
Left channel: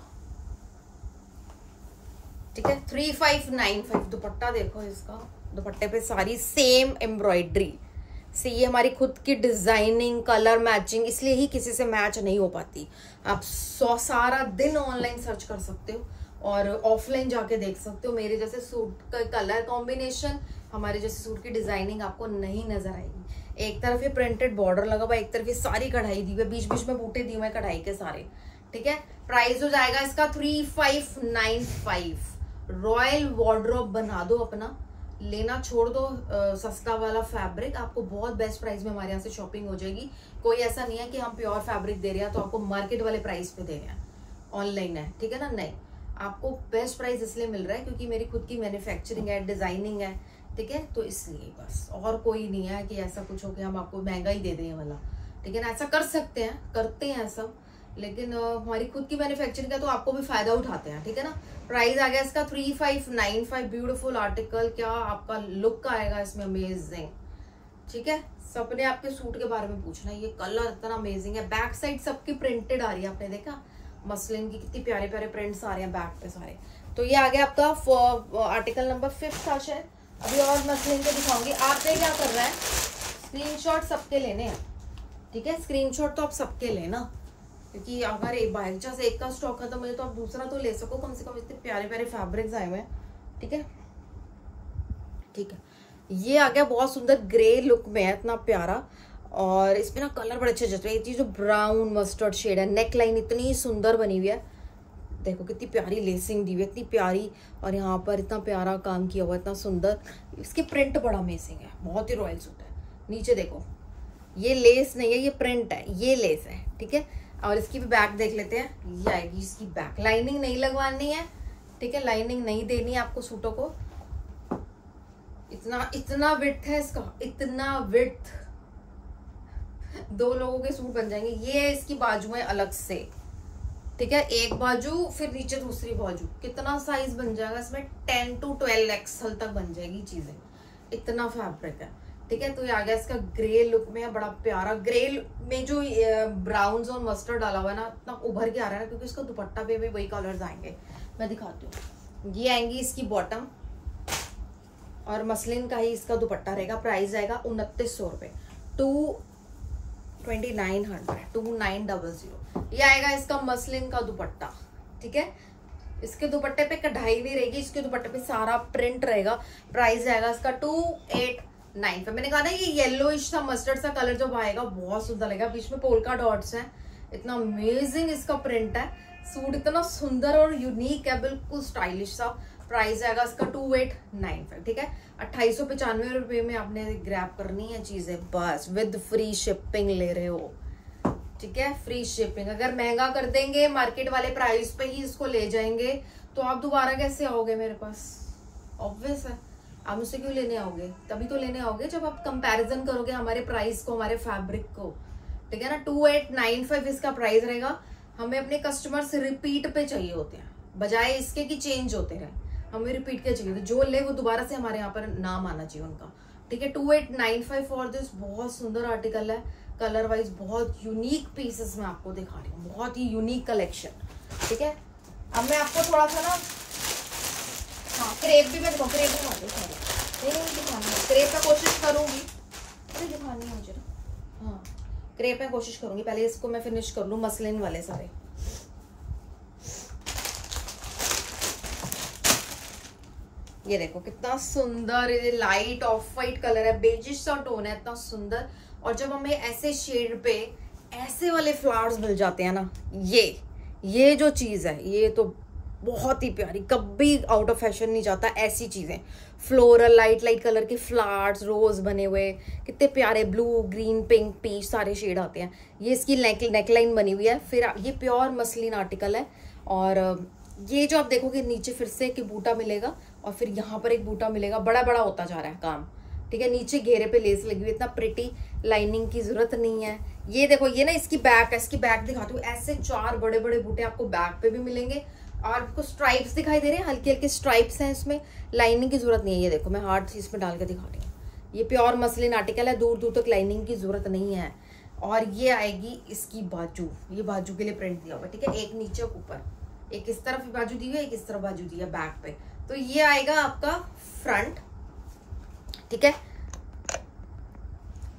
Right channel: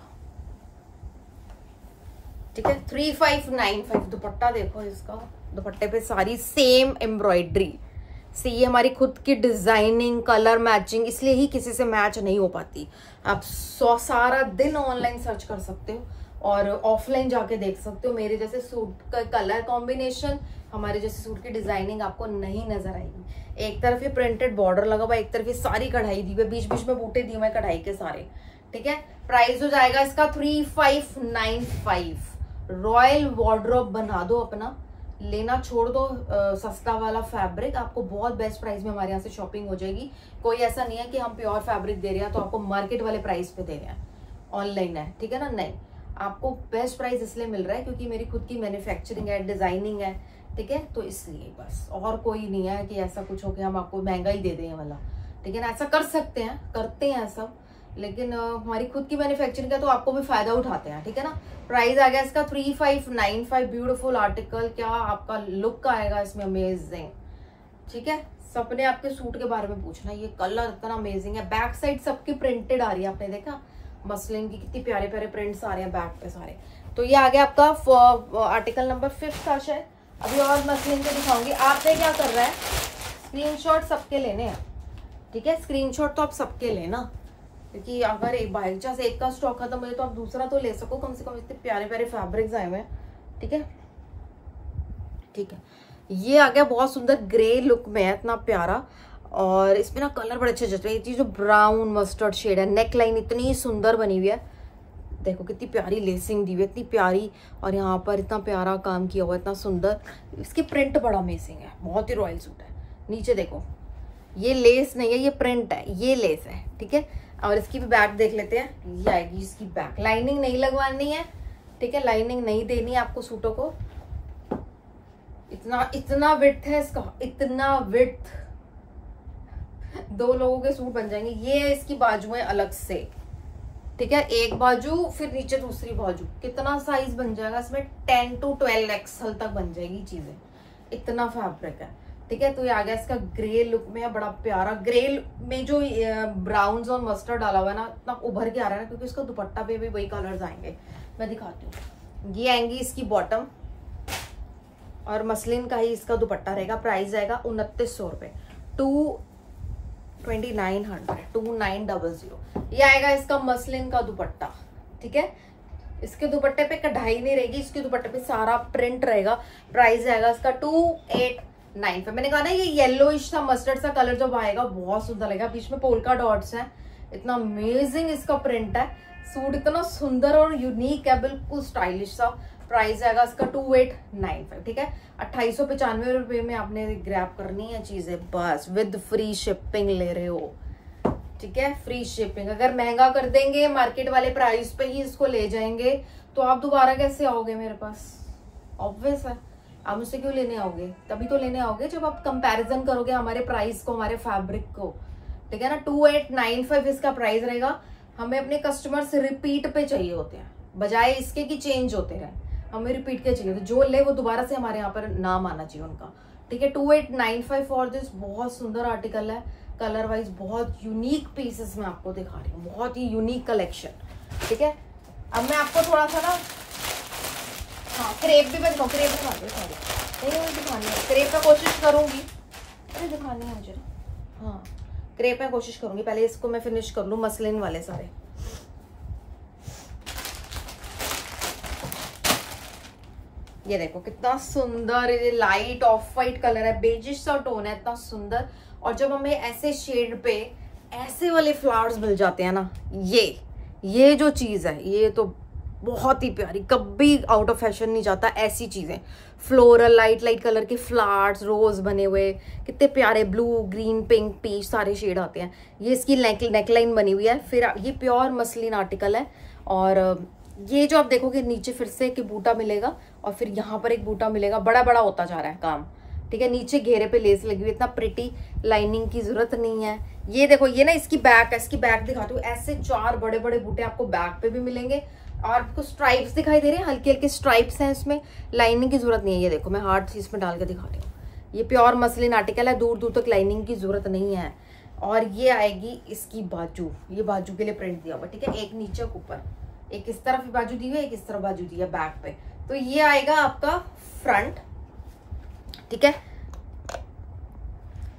ठीक है। 3595 दुपट्टा देखो, इसका दुपट्टे पे सारी सेम एम्ब्रॉयडरी से, ये हमारी खुद की डिजाइनिंग, कलर मैचिंग, इसलिए ही किसी से मैच नहीं हो पाती। आप सारा दिन ऑनलाइन सर्च कर सकते हो और ऑफलाइन जाके देख सकते हो। मेरे जैसे सूट का कलर कॉम्बिनेशन, हमारे जैसे सूट की डिजाइनिंग आपको नहीं नजर आएगी। एक तरफ ये प्रिंटेड बॉर्डर लगा हुआ, एक तरफ ये सारी कढ़ाई दी हुई, बीच बीच में बूटे दिए हुए कढ़ाई के सारे, ठीक है। प्राइस हो जाएगा इसका 3595। रॉयल वार्डरोब बना दो अपना, लेना छोड़ दो सस्ता वाला फैब्रिक, आपको बहुत बेस्ट प्राइस में हमारे यहाँ से शॉपिंग हो जाएगी। कोई ऐसा नहीं है कि हम प्योर फैब्रिक दे रहे हैं तो आपको मार्केट वाले प्राइस पे दे रहे हैं, ऑनलाइन है, ठीक है ना। नहीं, आपको बेस्ट प्राइस इसलिए मिल रहा है क्योंकि मेरी खुद की मैन्युफैक्चरिंग है, डिजाइनिंग है, ठीक है। तो इसलिए बस, और कोई नहीं है कि ऐसा कुछ हो कि हम आपको महंगा ही दे दें वाला, ठीक है ना। ऐसा कर सकते हैं, करते हैं सब, लेकिन हमारी खुद की मैन्युफैक्चरिंग का तो आपको भी फायदा उठाते हैं, ठीक है ना। प्राइस आ गया इसका 3595। ब्यूटीफुल आर्टिकल, क्या आपका लुक आएगा इसमें, अमेजिंग, ठीक है। सबने आपके सूट के बारे में पूछना, ये कलर इतना अमेजिंग है। बैक साइड सबकी प्रिंटेड आ रही है, आपने देखा मसलिन की कितनी प्यारे प्यारे प्रिंट्स आ रहे हैं बैक पे सारे। तो ये आ गया आपका आर्टिकल नंबर 5 था शायद। अभी और मसलिन के दिखाऊंगी। आपने क्या कर रहा है, स्क्रीनशॉट सबके लेने हैं, ठीक है। स्क्रीनशॉट तो आप सबके लेना, क्योंकि अगर एक बाई चांस एक का स्टॉक खत्म हो तो आप दूसरा तो ले सको, कम से कम इतने प्यारे प्यारे फैब्रिक्स आए हुए हैं, ठीक है, ठीक है। ये आ गया बहुत सुंदर ग्रे लुक में है, इतना प्यारा, और इसमें ना कलर बड़े अच्छे जचते हैं। ये जो ब्राउन मस्टर्ड शेड है, नेक लाइन इतनी सुंदर बनी हुई है, देखो कितनी प्यारी लेसिंग दी हुई है, इतनी प्यारी, और यहाँ पर इतना प्यारा काम किया हुआ है, इतना सुंदर। इसकी प्रिंट बड़ा अमेजिंग है, बहुत ही रॉयल सूट है। नीचे देखो, ये लेस नहीं है, ये प्रिंट है, ये लेस है, ठीक है। और इसकी भी बैक देख लेते हैं, ये आएगी इसकी बैक। लाइनिंग नहीं लगवानी है, ठीक है, लाइनिंग नहीं देनी है आपको सूटों को। इतना विड्थ है इसका, इतना विड्थ, 2 लोगों के सूट बन जाएंगे। ये इसकी बाजुएं अलग से, ठीक है, एक बाजू फिर नीचे दूसरी बाजू, कितना साइज बन जाएगा इसमें 10 to 12 एक्सएल तक बन जाएगी चीजें, इतना फैब्रिक है। ठीक है, तो ये आ गया इसका ग्रे लुक में, बड़ा प्यारा ग्रे में जो ब्राउन और मस्टर्ड डाला हुआ है ना, इतना उभर के आ रहा है ना, क्योंकि इसका दुपट्टा पे भी वही कलर्स आएंगे। मैं दिखाती हूँ, ये आएंगी इसकी बॉटम और मसलिन का ही इसका दुपट्टा रहेगा। प्राइस आएगा 2900 रुपए, 2900। ये आएगा इसका मसलिन का दुपट्टा। ठीक है, इसके दुपट्टे पे कढ़ाई नहीं रहेगी, इसके दुपट्टे पे सारा प्रिंट रहेगा। प्राइस आएगा इसका 2895। मैंने कहा ना ये येलोइश सा मस्टर्ड सा कलर जब आएगा बहुत सुंदर लगेगा, बीच में पोल्का डॉट्स हैं, इतना अमेजिंग इसका प्रिंट है। सूट इतना सुंदर और यूनिक है, बिल्कुल स्टाइलिश सा। प्राइस आएगा इसका 2895। ठीक है, 2895 रुपए में आपने ग्रैब करनी है चीजें बस, विद फ्री शिपिंग ले रहे हो। ठीक है, फ्री शिपिंग। अगर महंगा कर देंगे, मार्केट वाले प्राइस पे ही इसको ले जाएंगे, तो आप दोबारा कैसे आओगे मेरे पास? ऑब्वियस है, आप मुझसे क्यों लेने आओगे? तभी तो लेने आओगे जब आप कंपैरिजन करोगे हमारे प्राइस को, हमारे फैब्रिक को। ठीक है ना, 2895 इसका प्राइस रहेगा। हमें अपने कस्टमर से रिपीट पे चाहिए होते हैं, बजाय इसके कि चेंज होते रहे, हमें रिपीट के चाहिए। तो जो ले वो दोबारा से हमारे यहाँ पर नाम आना चाहिए उनका। ठीक है, 2895 फॉर दिस। बहुत सुंदर आर्टिकल है, कलर वाइज बहुत यूनिक पीसेस में आपको दिखा रही हूँ, बहुत ही यूनिक कलेक्शन। ठीक है, अब मैं आपको थोड़ा सा ना, हाँ क्रेप भी मैं दिखाऊँ, क्रेप दिखा दो, दिखानी है क्रेप का कोशिश करूंगी, अरे दिखानी है मुझे ना, हाँ क्रेप में कोशिश करूंगी। पहले इसको मैं फिनिश कर लूं, मसलिन वाले सारे। ये देखो कितना सुंदर, ये लाइट ऑफ वाइट कलर है, बेजिश सा टोन है, इतना सुंदर। और जब हमें ऐसे शेड पे ऐसे वाले फ्लावर्स मिल जाते हैं ना, ये जो चीज है ये तो बहुत ही प्यारी, कभी आउट ऑफ फैशन नहीं जाता ऐसी चीजें। फ्लोरल लाइट कलर के फ्लावर्स, रोज बने हुए, कितने प्यारे, ब्लू ग्रीन पिंक पीच सारे शेड आते हैं। ये इसकी नेकलाइन बनी हुई है। फिर ये प्योर मसलिन आर्टिकल है। और ये जो आप देखोगे नीचे फिर से एक बूटा मिलेगा और फिर यहाँ पर एक बूटा मिलेगा, बड़ा बड़ा होता जा रहा है काम। ठीक है, नीचे घेरे पे लेस लगी हुई, इतना प्रिटी, लाइनिंग की जरूरत नहीं है। ये देखो, ये ना इसकी बैक है, इसकी बैक दिखाती हूँ। ऐसे 4 बड़े बड़े बूटे आपको बैक पे भी मिलेंगे। और आपको स्ट्राइप्स दिखाई दे रहे हैं, हल्के हल्के स्ट्राइप्स हैं इसमें, लाइनिंग की जरूरत नहीं है। ये देखो मैं हार्ड इसमें डाल के दिखा रही हूँ। ये प्योर मसलिन आर्टिकल है, दूर दूर तक लाइनिंग की जरूरत नहीं है। और ये आएगी इसकी बाजू, ये बाजू के लिए प्रिंट दिया हुआ। ठीक है, एक नीचे ऊपर, एक इस तरफ बाजू दी हुई है, एक इस तरफ बाजू दी है बैक पे। तो ये आएगा आपका फ्रंट। ठीक है,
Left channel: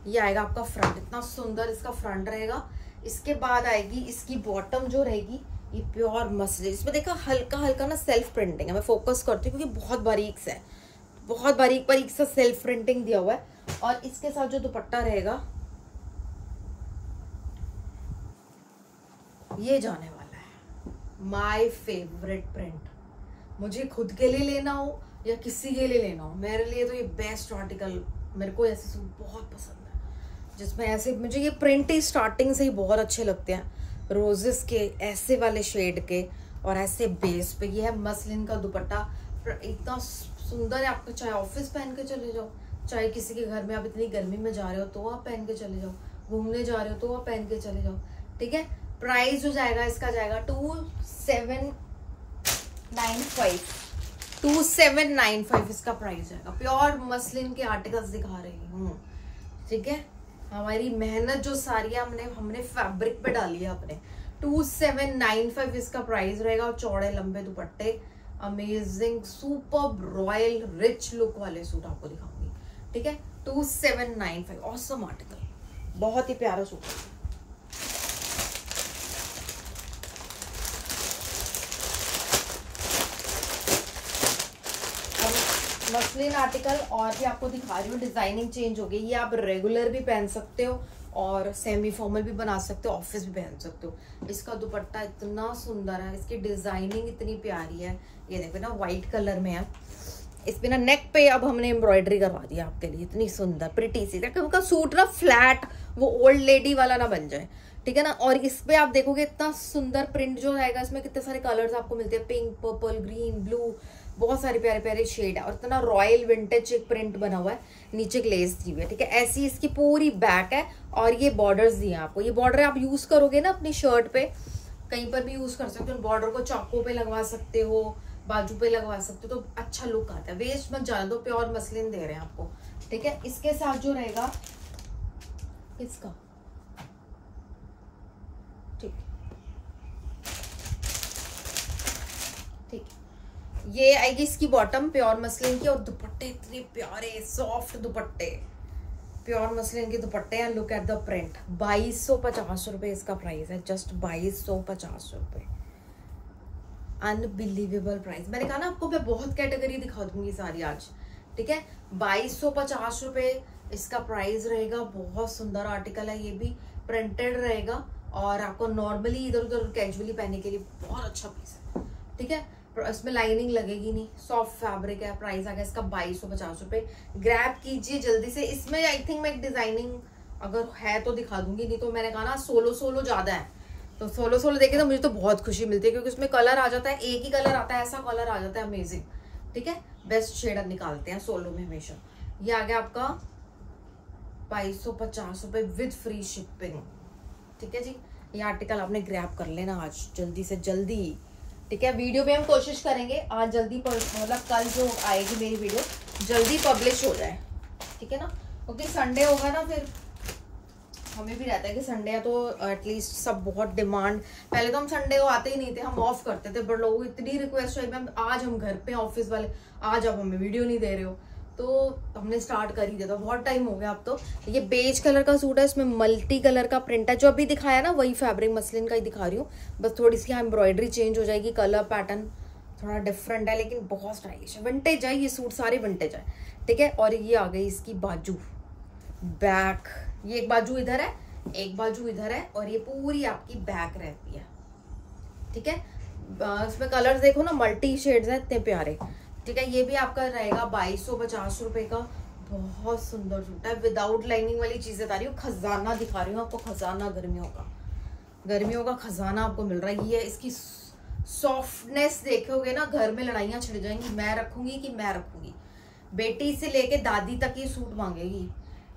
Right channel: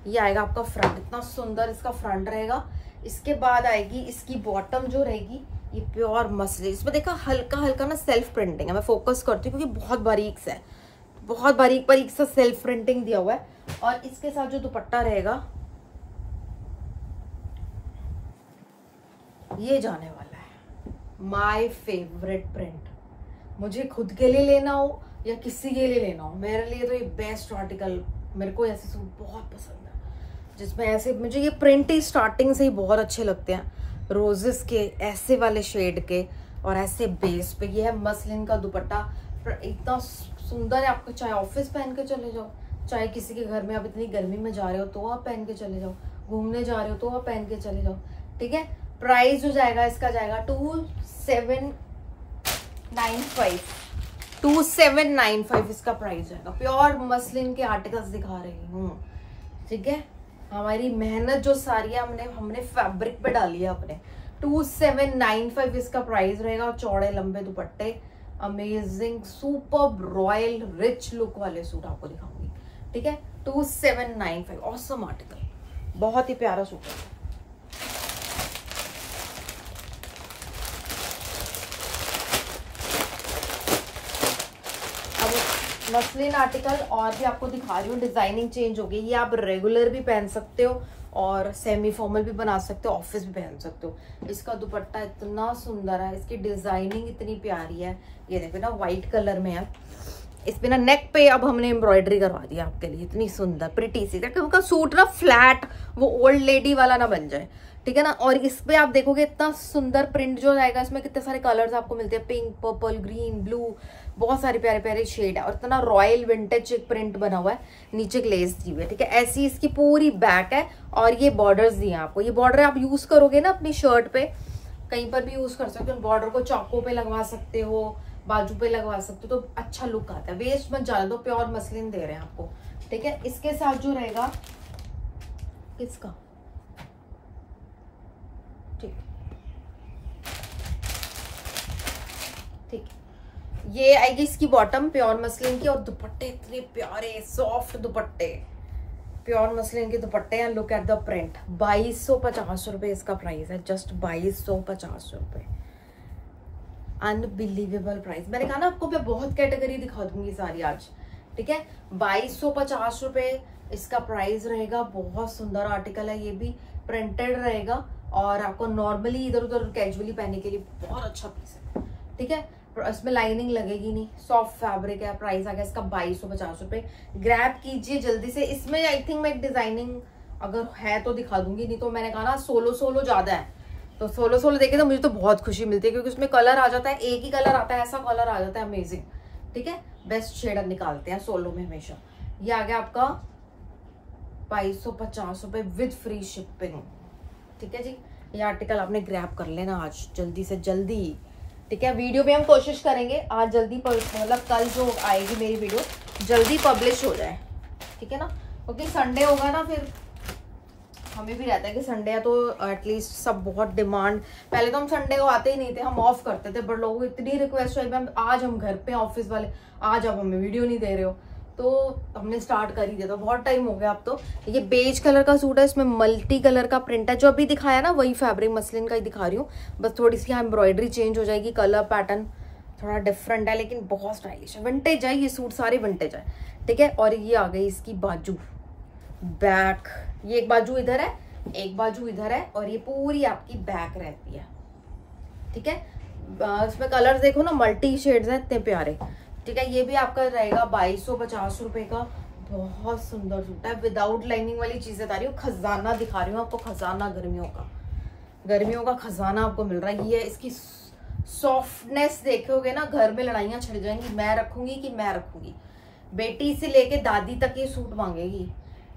ये आएगा आपका फ्रंट, इतना सुंदर इसका फ्रंट रहेगा। इसके बाद आएगी इसकी बॉटम जो रहेगी, ये प्योर मसलिन। इसमें देखा हल्का हल्का ना सेल्फ प्रिंटिंग है, मैं फोकस करती हूँ क्योंकि बहुत बारीक सा है, बहुत बारीक बारीक सा सेल्फ प्रिंटिंग दिया हुआ है। और इसके साथ जो दुपट्टा रहेगा ये जाने वाला है माय फेवरेट प्रिंट। मुझे खुद के लिए लेना हो या किसी के लिए लेना हो, मेरे लिए तो ये बेस्ट आर्टिकल। मेरे को ऐसे सूट बहुत पसंद है जिसमें ऐसे, मुझे ये प्रिंट ही स्टार्टिंग से ही बहुत अच्छे लगते हैं, रोजेस के ऐसे वाले शेड के और ऐसे बेस पे। ये है मसलिन का दुपट्टा, इतना सुंदर है। आपको चाहे ऑफिस पहन के चले जाओ, चाहे किसी के घर में आप इतनी गर्मी में जा रहे हो तो आप पहन के चले जाओ, घूमने जा रहे हो तो आप पहन के चले जाओ। ठीक है, प्राइस जो जाएगा इसका जाएगा 2795 इसका प्राइस जाएगा। प्योर मसलिन के आर्टिकल्स दिखा रही हूँ। ठीक है, हमारी मेहनत जो सारी है हमने फैब्रिक पे डाली है अपने। 2795 इसका प्राइस रहेगा। और चौड़े लंबे दुपट्टे, amazing super royal rich look वाले सूट आपको दिखाऊंगी। ठीक है, 2795 ऑसम आर्टिकल, बहुत ही प्यारा सूट है। मसलिन आर्टिकल और भी आपको दिखा रही हूँ, डिजाइनिंग चेंज हो गई। ये आप रेगुलर भी पहन सकते हो और सेमी फॉर्मल भी बना सकते हो, ऑफिस भी पहन सकते हो। इसका दुपट्टा इतना सुंदर है, इसकी डिजाइनिंग इतनी प्यारी है। ये देखो ना व्हाइट कलर में है, इस पे ना नेक पे अब हमने एम्ब्रॉयडरी करवा दी आपके लिए, इतनी सुंदर प्रिटी सी, ताकि उनका सूट ना फ्लैट वो ओल्ड लेडी वाला ना बन जाए। ठीक है ना, और इस पे आप देखोगे इतना सुंदर प्रिंट जो आएगा, इसमें कितने सारे कलर्स आपको मिलते हैं, पिंक, पर्पल, ग्रीन, ब्लू, बहुत सारे प्यारे प्यारे शेड है। और इतना रॉयल विंटेज एक प्रिंट बना हुआ है, नीचे ग्लेज दी हुई है। ठीक है, ऐसी इसकी पूरी बैक है और ये बॉर्डर्स दिए हैं आपको। ये बॉर्डर आप यूज करोगे ना अपनी शर्ट पे कहीं पर भी यूज कर सकते हो। बॉर्डर को चाकों पे लगवा सकते हो, बाजू पे लगवा सकते हो, तो अच्छा लुक आता है। वेस्ट मत जाने दो, प्योर मसलिन दे रहे हैं आपको, ठीक है। इसके साथ जो रहेगा किसका, ठीक ठीक, ये आएगी इसकी बॉटम प्योर मसलिन की, और दुपट्टे इतने प्यारे सॉफ्ट दुपट्टे, प्योर मसलिन के दुपट्टे हैं। Look at the print. 2250 रुपए इसका प्राइस है, जस्ट 2250 रुपए। Unbelievable price. मैंने कहा ना आपको मैं बहुत कैटेगरी दिखा दूंगी सारी आज, ठीक है। 2250 रुपए इसका प्राइस रहेगा। बहुत सुंदर आर्टिकल है, ये भी प्रिंटेड रहेगा और आपको नॉर्मली इधर उधर कैजुअली पहनने के लिए बहुत अच्छा पीस है, ठीक है। इसमें लाइनिंग लगेगी नहीं, सॉफ्ट फैब्रिक है। प्राइस आ गया इसका 2250 रुपए। ग्रैब कीजिए जल्दी से। इसमें आई थिंक मैं एक डिजाइनिंग अगर है तो दिखा दूंगी, नहीं तो मैंने कहा ना सोलो ज्यादा है, तो सोलो देखे तो मुझे तो बहुत खुशी मिलती है, क्योंकि उसमें कलर आ जाता है, एक ही कलर आता है, ऐसा कलर आ जाता है अमेजिंग, ठीक है। बेस्ट शेड निकालते हैं सोलो में हमेशा। ये आ गया आपका 2250 रुपए विद फ्री शिपिंग, ठीक है जी। ये आर्टिकल आपने ग्रैब कर लेना आज जल्दी से जल्दी, ठीक है। वीडियो भी हम कोशिश करेंगे आज जल्दी, मतलब कल जो आएगी मेरी वीडियो जल्दी पब्लिश हो जाए, ठीक है ना, क्योंकि संडे होगा ना, फिर हमें भी रहता है कि संडे है तो एटलीस्ट सब बहुत डिमांड। पहले तो हम संडे को आते ही नहीं थे, हम ऑफ करते थे, बट लोगों को इतनी रिक्वेस्ट हुई मैम आज हम घर पे ऑफिस वाले, आज आप हमें वीडियो नहीं दे रहे हो, तो हमने स्टार्ट कर ही दिया था। बहुत टाइम हो गया अब तो। ये बेज कलर का सूट है, इसमें मल्टी कलर का प्रिंट है। जो अभी दिखाया ना वही फैब्रिक मसलिन का ही दिखा रही हूँ, बस थोड़ी सी यहाँ एम्ब्रॉयडरी चेंज हो जाएगी, कलर पैटर्न थोड़ा डिफरेंट है, लेकिन बहुत स्टाइलिश है। विंटेज है ये सूट, सारे विंटेज है, ठीक है। और ये आ गई इसकी बाजू, बैक। ये एक बाजू इधर है, एक बाजू इधर है, और ये पूरी आपकी बैक रहती है, ठीक है। इसमें कलर्स देखो ना, मल्टी शेड्स हैं, इतने प्यारे, ठीक है। ये भी आपका रहेगा 2250 रुपए का। बहुत सुंदर सूट है, विदाउट लाइनिंग वाली चीजें बता रही हूँ, खजाना दिखा रही हूँ आपको, खजाना गर्मियों का खजाना आपको मिल रहा है। ये इसकी सॉफ्टनेस देखोगे ना, घर में लड़ाइयां छिड़ जाएंगी, मैं रखूंगी। बेटी से लेके दादी तक ये सूट मांगेगी,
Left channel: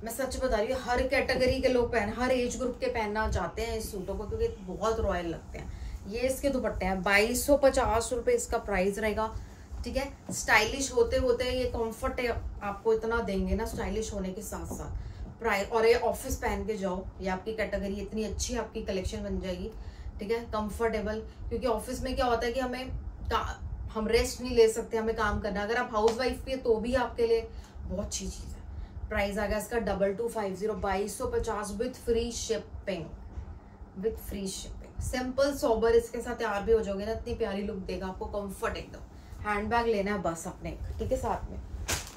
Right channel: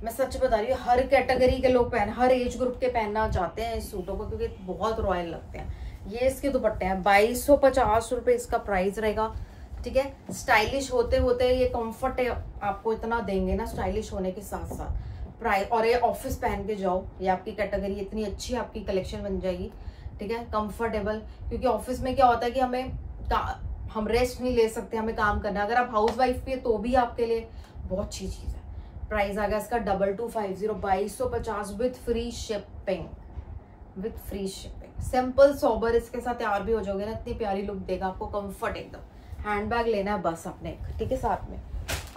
मैं सच बता रही हूँ। हर कैटेगरी के लोग हर एज ग्रुप के पहनना चाहते हैं इस सूटों को, क्योंकि बहुत रॉयल लगते हैं। ये इसके दुपट्टे हैं, 2250 रुपए इसका प्राइस रहेगा, ठीक है। स्टाइलिश होते होते ये कंफर्ट आपको इतना देंगे ना, स्टाइलिश होने के साथ साथ प्राइस। और ये ऑफिस पहन के जाओ, ये आपकी कैटेगरी इतनी अच्छी आपकी कलेक्शन बन जाएगी, ठीक है। कंफर्टेबल, क्योंकि ऑफिस में क्या होता है कि हम रेस्ट नहीं ले सकते, हमें काम करना। अगर आप हाउस वाइफ भी है तो भी आपके लिए बहुत अच्छी चीज है। प्राइस आ गया इसका 2250, 2250 with free shipping, simple sober. इसके साथ तैयार भी हो जाओगे ना, इतनी प्यारी लुक देगा आपको, कंफर्ट एकदम। हैंडबैग लेना है बस आपने, ठीक है, साथ में।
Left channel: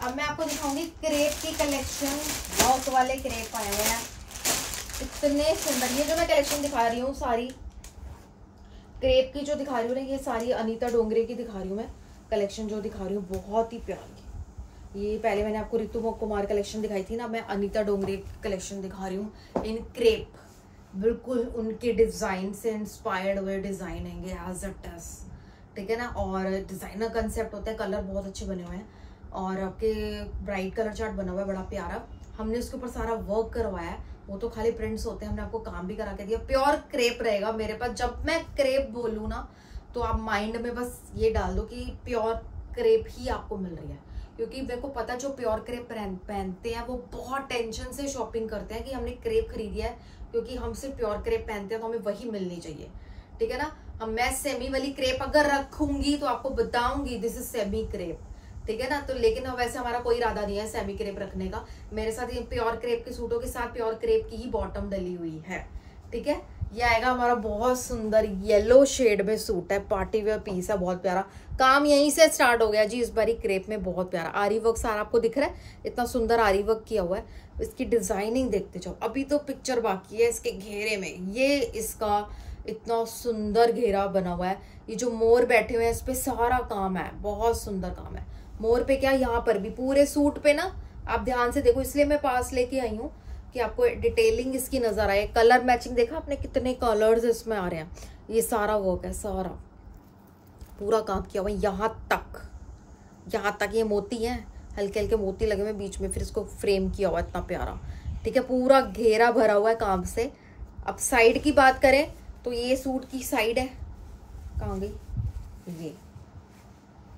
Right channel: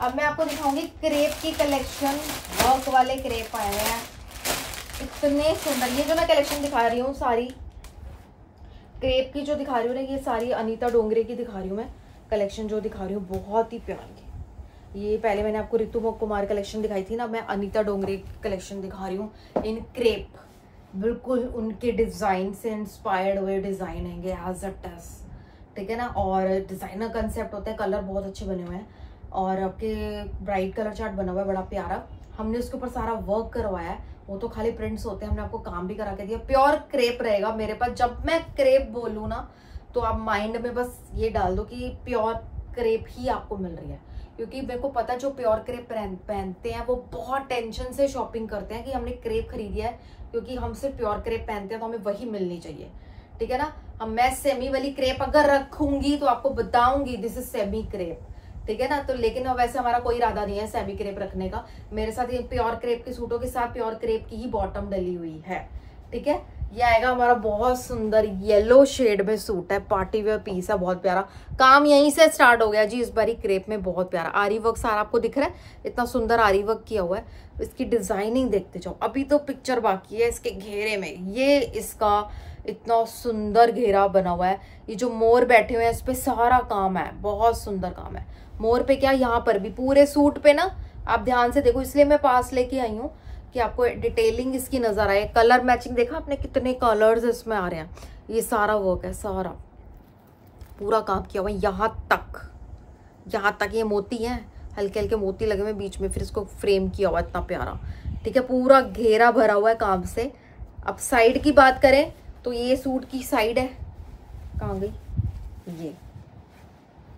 अब मैं आपको दिखाऊंगी क्रेप की कलेक्शन। वर्क वाले क्रेप आए हैं, इतने सुंदर। ये जो मैं कलेक्शन दिखा रही हूँ सारी क्रेप की जो दिखा रही हूँ ना, ये सारी अनीता डोंगरे की दिखा रही हूँ मैं कलेक्शन, जो दिखा रही हूँ बहुत ही प्यारी। ये पहले मैंने आपको रितु कुमार कलेक्शन दिखाई थी ना, मैं अनीता डोंगरे कलेक्शन दिखा रही हूँ इन क्रेप। बिल्कुल उनके डिजाइन से इंस्पायर्ड हुए डिजाइन है एज इट इज, ठीक है ना। और डिजाइनर कंसेप्ट होता है, कलर बहुत अच्छे बने हुए हैं, और आपके ब्राइट कलर चार्ट बना हुआ है बड़ा प्यारा। हमने उसके ऊपर सारा वर्क करवाया है, वो तो खाली प्रिंट्स होते हैं, हमने आपको काम भी करा के दिया। प्योर क्रेप रहेगा मेरे पास। जब मैं क्रेप बोलूँ ना, तो आप माइंड में बस ये डाल दो कि प्योर क्रेप ही आपको मिल रही है, क्योंकि मेरे को पता है जो प्योर क्रेप पहनते हैं वो बहुत टेंशन से शॉपिंग करते हैं कि हमने क्रेप खरीदी है, क्योंकि हम सिर्फ प्योर क्रेप पहनते हैं तो हमें वही मिलनी चाहिए, ठीक है ना। मैं सेमी वाली क्रेप अगर रखूंगी तो आपको बताऊंगी दिस इज सेमी क्रेप, ठीक है ना। तो लेकिन वैसे हमारा कोई इरादा नहीं है सेमी क्रेप रखने का। मेरे साथ ये प्योर क्रेप के सूटों के साथ प्योर क्रेप की ही बॉटम डली हुई है, ठीक है। ये आएगा हमारा बहुत सुंदर येलो शेड में सूट है, पार्टी वेयर पीस है, बहुत प्यारा। काम यहीं से स्टार्ट हो गया जी इस बारी क्रेप में, बहुत प्यारा। आरी वर्क सारा आपको दिख रहा है, इतना सुंदर आरी वर्क किया हुआ है। इसकी डिजाइनिंग देखते जाओ, अभी तो पिक्चर बाकी है इसके घेरे में। ये इसका इतना सुंदर घेरा बना हुआ है, ये जो मोर बैठे हुए हैं इस पे सारा काम है, बहुत सुंदर काम है। मोर पे क्या, यहाँ पर भी पूरे सूट पे ना आप ध्यान से देखो, इसलिए मैं पास लेके आई हूँ कि आपको डिटेलिंग इसकी नजर आए। कलर मैचिंग देखा आपने, कितने कलर्स इसमें आ रहे हैं। ये सारा वर्क है, सारा पूरा काम किया हुआ है। यहाँ तक ये मोती है, हल्के हल्के मोती लगे हुए बीच में, फिर इसको फ्रेम किया हुआ है, इतना प्यारा, ठीक है। पूरा घेरा भरा हुआ है काम से। अब साइड की बात करें तो ये सूट की साइड है, कहाँ गई ये,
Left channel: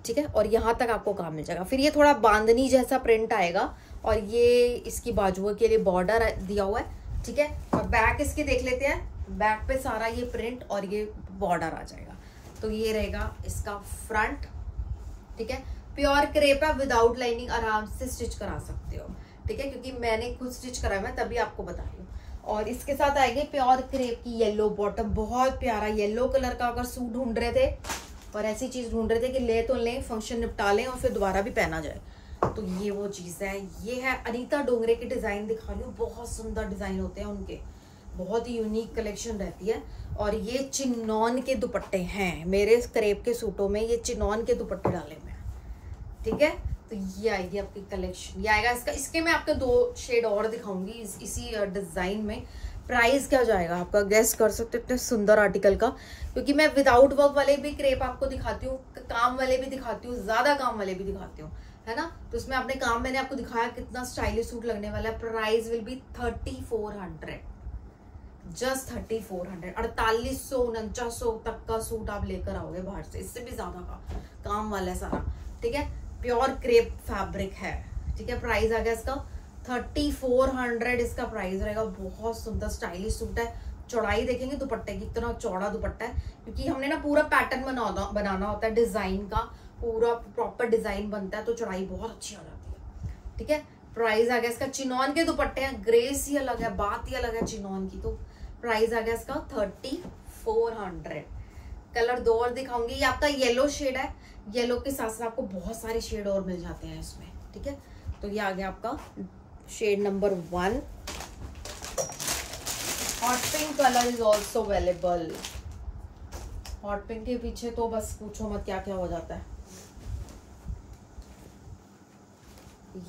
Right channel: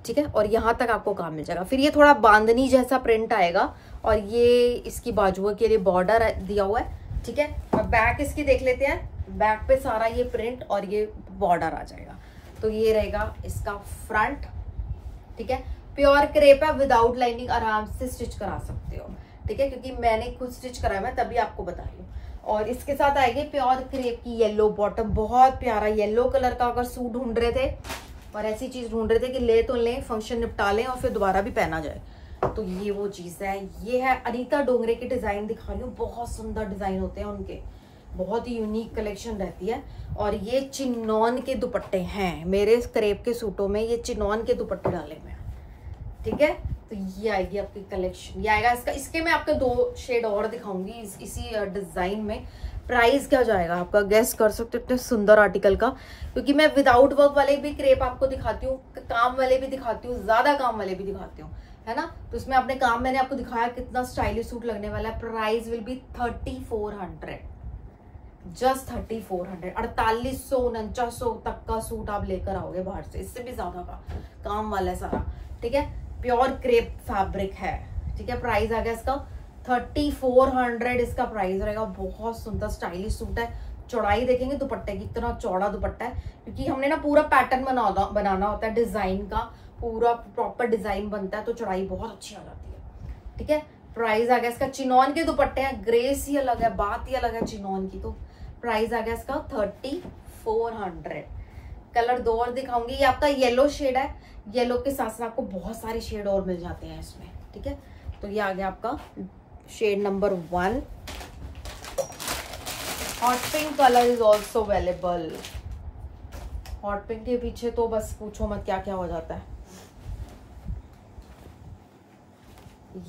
ठीक है, और यहाँ तक आपको काम मिल जाएगा। फिर ये थोड़ा बांधनी जैसा प्रिंट आएगा और ये इसकी बाजुओं के लिए बॉर्डर दिया हुआ है, ठीक है। और बैक इसकी देख लेते हैं, बैक पे सारा ये प्रिंट और ये बॉर्डर आ जाएगा। तो ये रहेगा इसका फ्रंट, ठीक है। प्योर क्रेप है, विदाउट लाइनिंग, आराम से स्टिच करा सकते हो, ठीक है, क्योंकि मैंने खुद स्टिच कराया, मैं तभी आपको बता रही हूँ। और इसके साथ आएगी प्योर क्रेप की येलो बॉटम, बहुत प्यारा येलो कलर का अगर सूट ढूंढ रहे थे और ऐसी चीज ढूंढ रहे थे कि ले तो लें, फंक्शन निपटा लें और फिर दोबारा भी पहना जाए, तो ये वो चीज है। ये है अनीता डोंगरे की डिजाइन दिखा रही हूँ, बहुत सुंदर डिजाइन होते हैं उनके, बहुत ही यूनिक कलेक्शन रहती है। और ये चिनॉन के दुपट्टे हैं, मेरे क्रेप के सूटों में ये चिनॉन के दुपट्टे डाले हुए हैं, ठीक है। तो ये आएगी आपकी कलेक्शन, ये आएगा इसका। इसके मैं आपको 2 शेड और दिखाऊंगी इसी डिजाइन में। प्राइस क्या जाएगा आपका गेस कर सकते हो, इतने सुंदर आर्टिकल का, क्योंकि मैं विदाउट वर्क वाले भी क्रेप आपको दिखाती हूँ, काम वाले भी दिखाती हूँ, ज्यादा काम वाले भी दिखाती हूँ, है ना। तो इसमें अपने काम मैंने आपको दिखाया कितना स्टाइलिश सूट लगने वाला है। प्राइस विल बी 3400, जस्ट 3400, 4800 4900 तक का सूट आप लेकर आओगे बाहर से, इससे भी ज्यादा का काम वाला है सारा, ठीक है। प्योर क्रेप फैब्रिक है, ठीक है। प्राइस आ गया इसका 3400, इसका प्राइस रहेगा। बहुत सुंदर स्टाइलिश सूट है। चौड़ाई देखेंगे दुपट्टे की, इतना चौड़ा दुपट्टा है, क्योंकि हमने ना पूरा पैटर्न बनाना होता है, डिजाइन का पूरा प्रॉपर डिजाइन बनता है, तो चौड़ाई बहुत अच्छी आ जाती है, ठीक है। प्राइस आ गया इसका, चिनॉन के दुपट्टे हैं, ग्रेस ही अलग है, बात ही अलग है चिनॉन की। तो प्राइस आ गया इसका 3400। कलर 2 और दिखाऊंगी, ये आपका येलो शेड है, येलो के साथ साथ आपको बहुत सारे शेड और मिल जाते हैं इसमें, ठीक है। तो ये आ गया आपका shade number 1। Hot pink colour is also available. Hot pink के पीछे तो बस पूछो मत क्या क्या हो जाता है।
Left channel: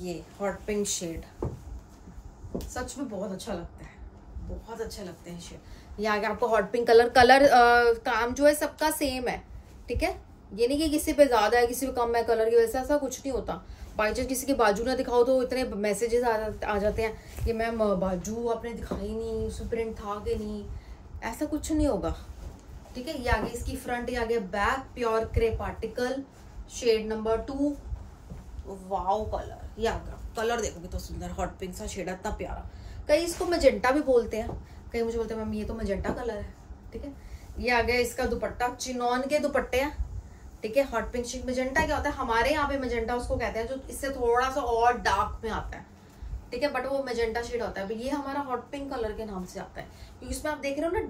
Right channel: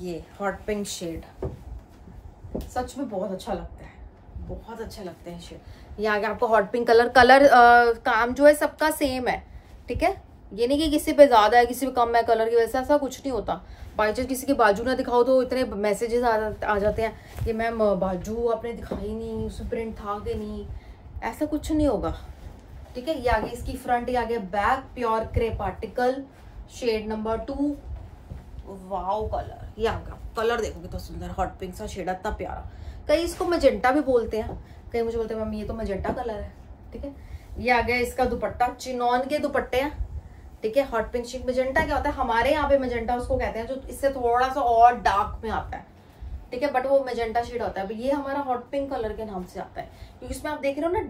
ये हॉट पिंक शेड सच में बहुत अच्छा लगता है, बहुत अच्छे लगते हैं शेड। ये आ गया आपको हॉट पिंक कलर। काम जो है सबका सेम है, ठीक है। ये नहीं कि किसी पे ज्यादा है किसी पे कम है कलर की वजह से, ऐसा कुछ नहीं होता। बाई चांस किसी की बाजू ना दिखाओ तो इतने मैसेजेस आ जाते हैं कि मैम बाजू आपने दिखाई नहीं, उसमें प्रिंट था कि नहीं, ऐसा कुछ नहीं होगा, ठीक है। ये आगे इसकी फ्रंट, ये आगे back, pure crepe article, shade number 2। Wow colour, ये आगे कलर देखो कितना सुंदर, हॉट पिंक सा शेड, इतना प्यारा। कई इसको मैजेंटा भी बोलते हैं, कई मुझे बोलते हैं मम्मी ये तो मैजेंटा कलर है, ठीक है। ये आ गया इसका दुपट्टा, चिनॉन के दुपट्टे हैं, ठीक है। हॉट पिंक शेड, मैजेंटा क्या होता है हमारे यहाँ पे, मैजेंटा उसको कहते हैं जो इससे थोड़ा सा और डार्क में आता है, ठीक है, बट वो मैजेंटा शेड होता है। ये हमारा हॉट पिंक कलर के नाम से आता है, क्योंकि इसमें आप देख रहे हो ना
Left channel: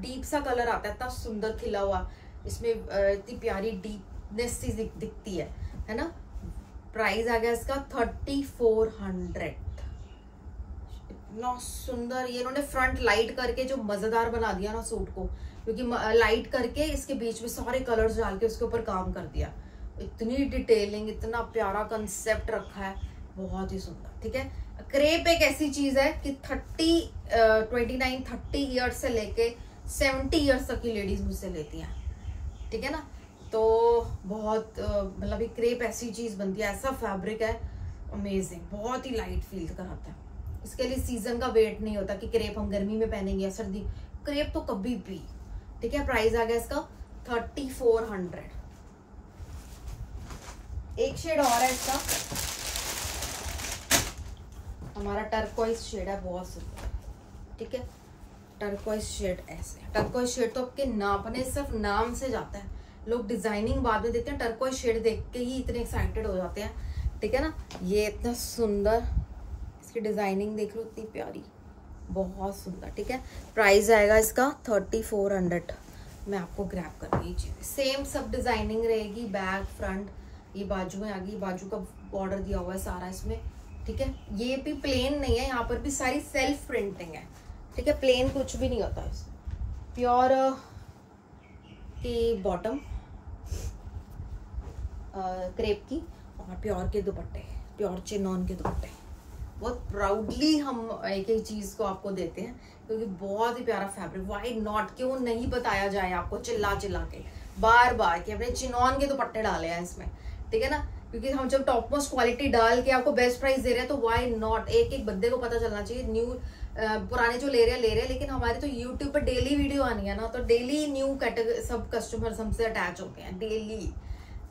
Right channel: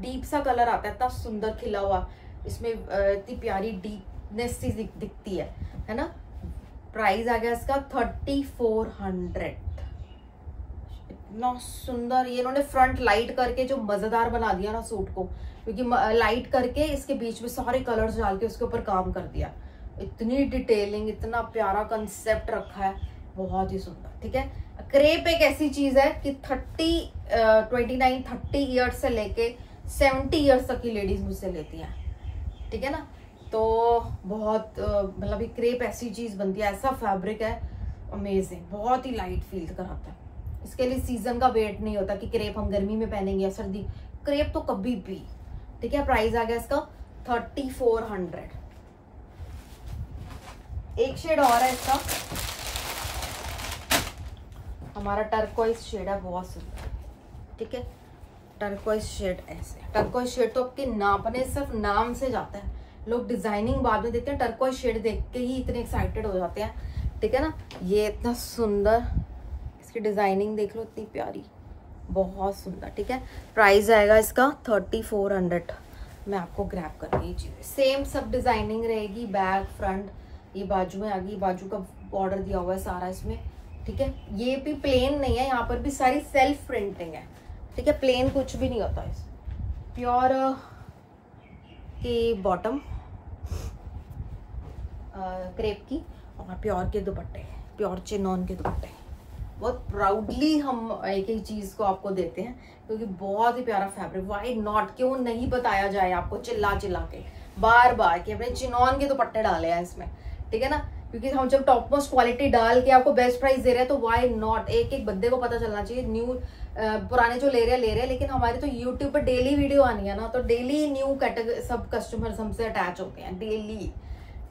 डीप सा कलर आता है, इतना सुंदर खिला हुआ, इसमें इतनी प्यारी डीपनेस सी दिखती है ना। प्राइस आ गया इसका 3400, इतना सुंदर। ये इन्होंने फ्रंट लाइट करके जो मजेदार बना दिया ना सूट को, क्योंकि लाइट करके इसके बीच में सारे कलर्स डाल के उसके ऊपर काम कर दिया, इतनी डिटेलिंग, इतना प्यारा कंसेप्ट रखा है, बहुत ही सुंदर, ठीक है। क्रेप एक ऐसी चीज है कि 29-30 ईयर्स से लेके 70 ईयर्स तक की लेडीज मुझसे लेती हैं, ठीक है ना। तो बहुत मतलब क्रेप ऐसी चीज बनती है, ऐसा फैब्रिक है अमेजिंग, बहुत ही लाइट फील कराता है। इसके लिए सीजन का वेट नहीं होता कि क्रेप हम गर्मी में पहनेंगे या सर्दी, क्रेप तो कभी भी, ठीक है। प्राइस आ गया इसका 3400। एक शेड और है इसका, हमारा टर्कोइज शेड है, बहुत सुंदर, ठीक है। टर्कोइज शेड ऐसे, टर्कोइज शेड तो आपके नापने सिर्फ नाम से जाता है, लोग डिजाइनिंग बाद में देखते हैं, टर्कोइज शेड देख के ही इतने एक्साइटेड हो जाते हैं, ठीक है ना। ये इतना सुंदर, इसकी डिजाइनिंग देख लो इतनी प्यारी, बहुत सुंदर, ठीक है। प्राइस आएगा इसका 3400। मैं आपको ग्रैब कर रही चीज, सेम सब डिजाइनिंग रहेगी, बैक फ्रंट, ये बाजू में आ गई, बाजू का बॉर्डर दिया हुआ है सारा इसमें, ठीक है। ये भी प्लेन नहीं है, यहाँ पर भी सारी सेल्फ प्रिंटिंग है, ठीक है, प्लेन कुछ भी नहीं होता इसमें। प्योर की बॉटम क्रेप की, और प्योर के दुपट्टे, प्योर चिनॉन के दुपट्टे। बहुत प्राउडली हम एक ही चीज को आपको देते हैं, क्योंकि बहुत ही प्यारा फैब्रिक, वाई नॉट, क्यों नहीं बताया जाए आपको चिल्ला चिल्ला के बार बार कि अपने चिनॉन के दुपट्टे डाले हैं इसमें, ठीक है ना। क्योंकि हम जब टॉप मोस्ट क्वालिटी डाल के आपको बेस्ट प्राइस दे रहे हैं, तो वाई नॉट, एक एक बंदे को पता चलना चाहिए न्यू पुराने जो ले रहे हैं, लेकिन हमारे तो यूट्यूब पर डेली वीडियो आनी है ना, तो डेली न्यू कैटेगरी सब कस्टमर्स हमसे अटैच होते हैं डेली,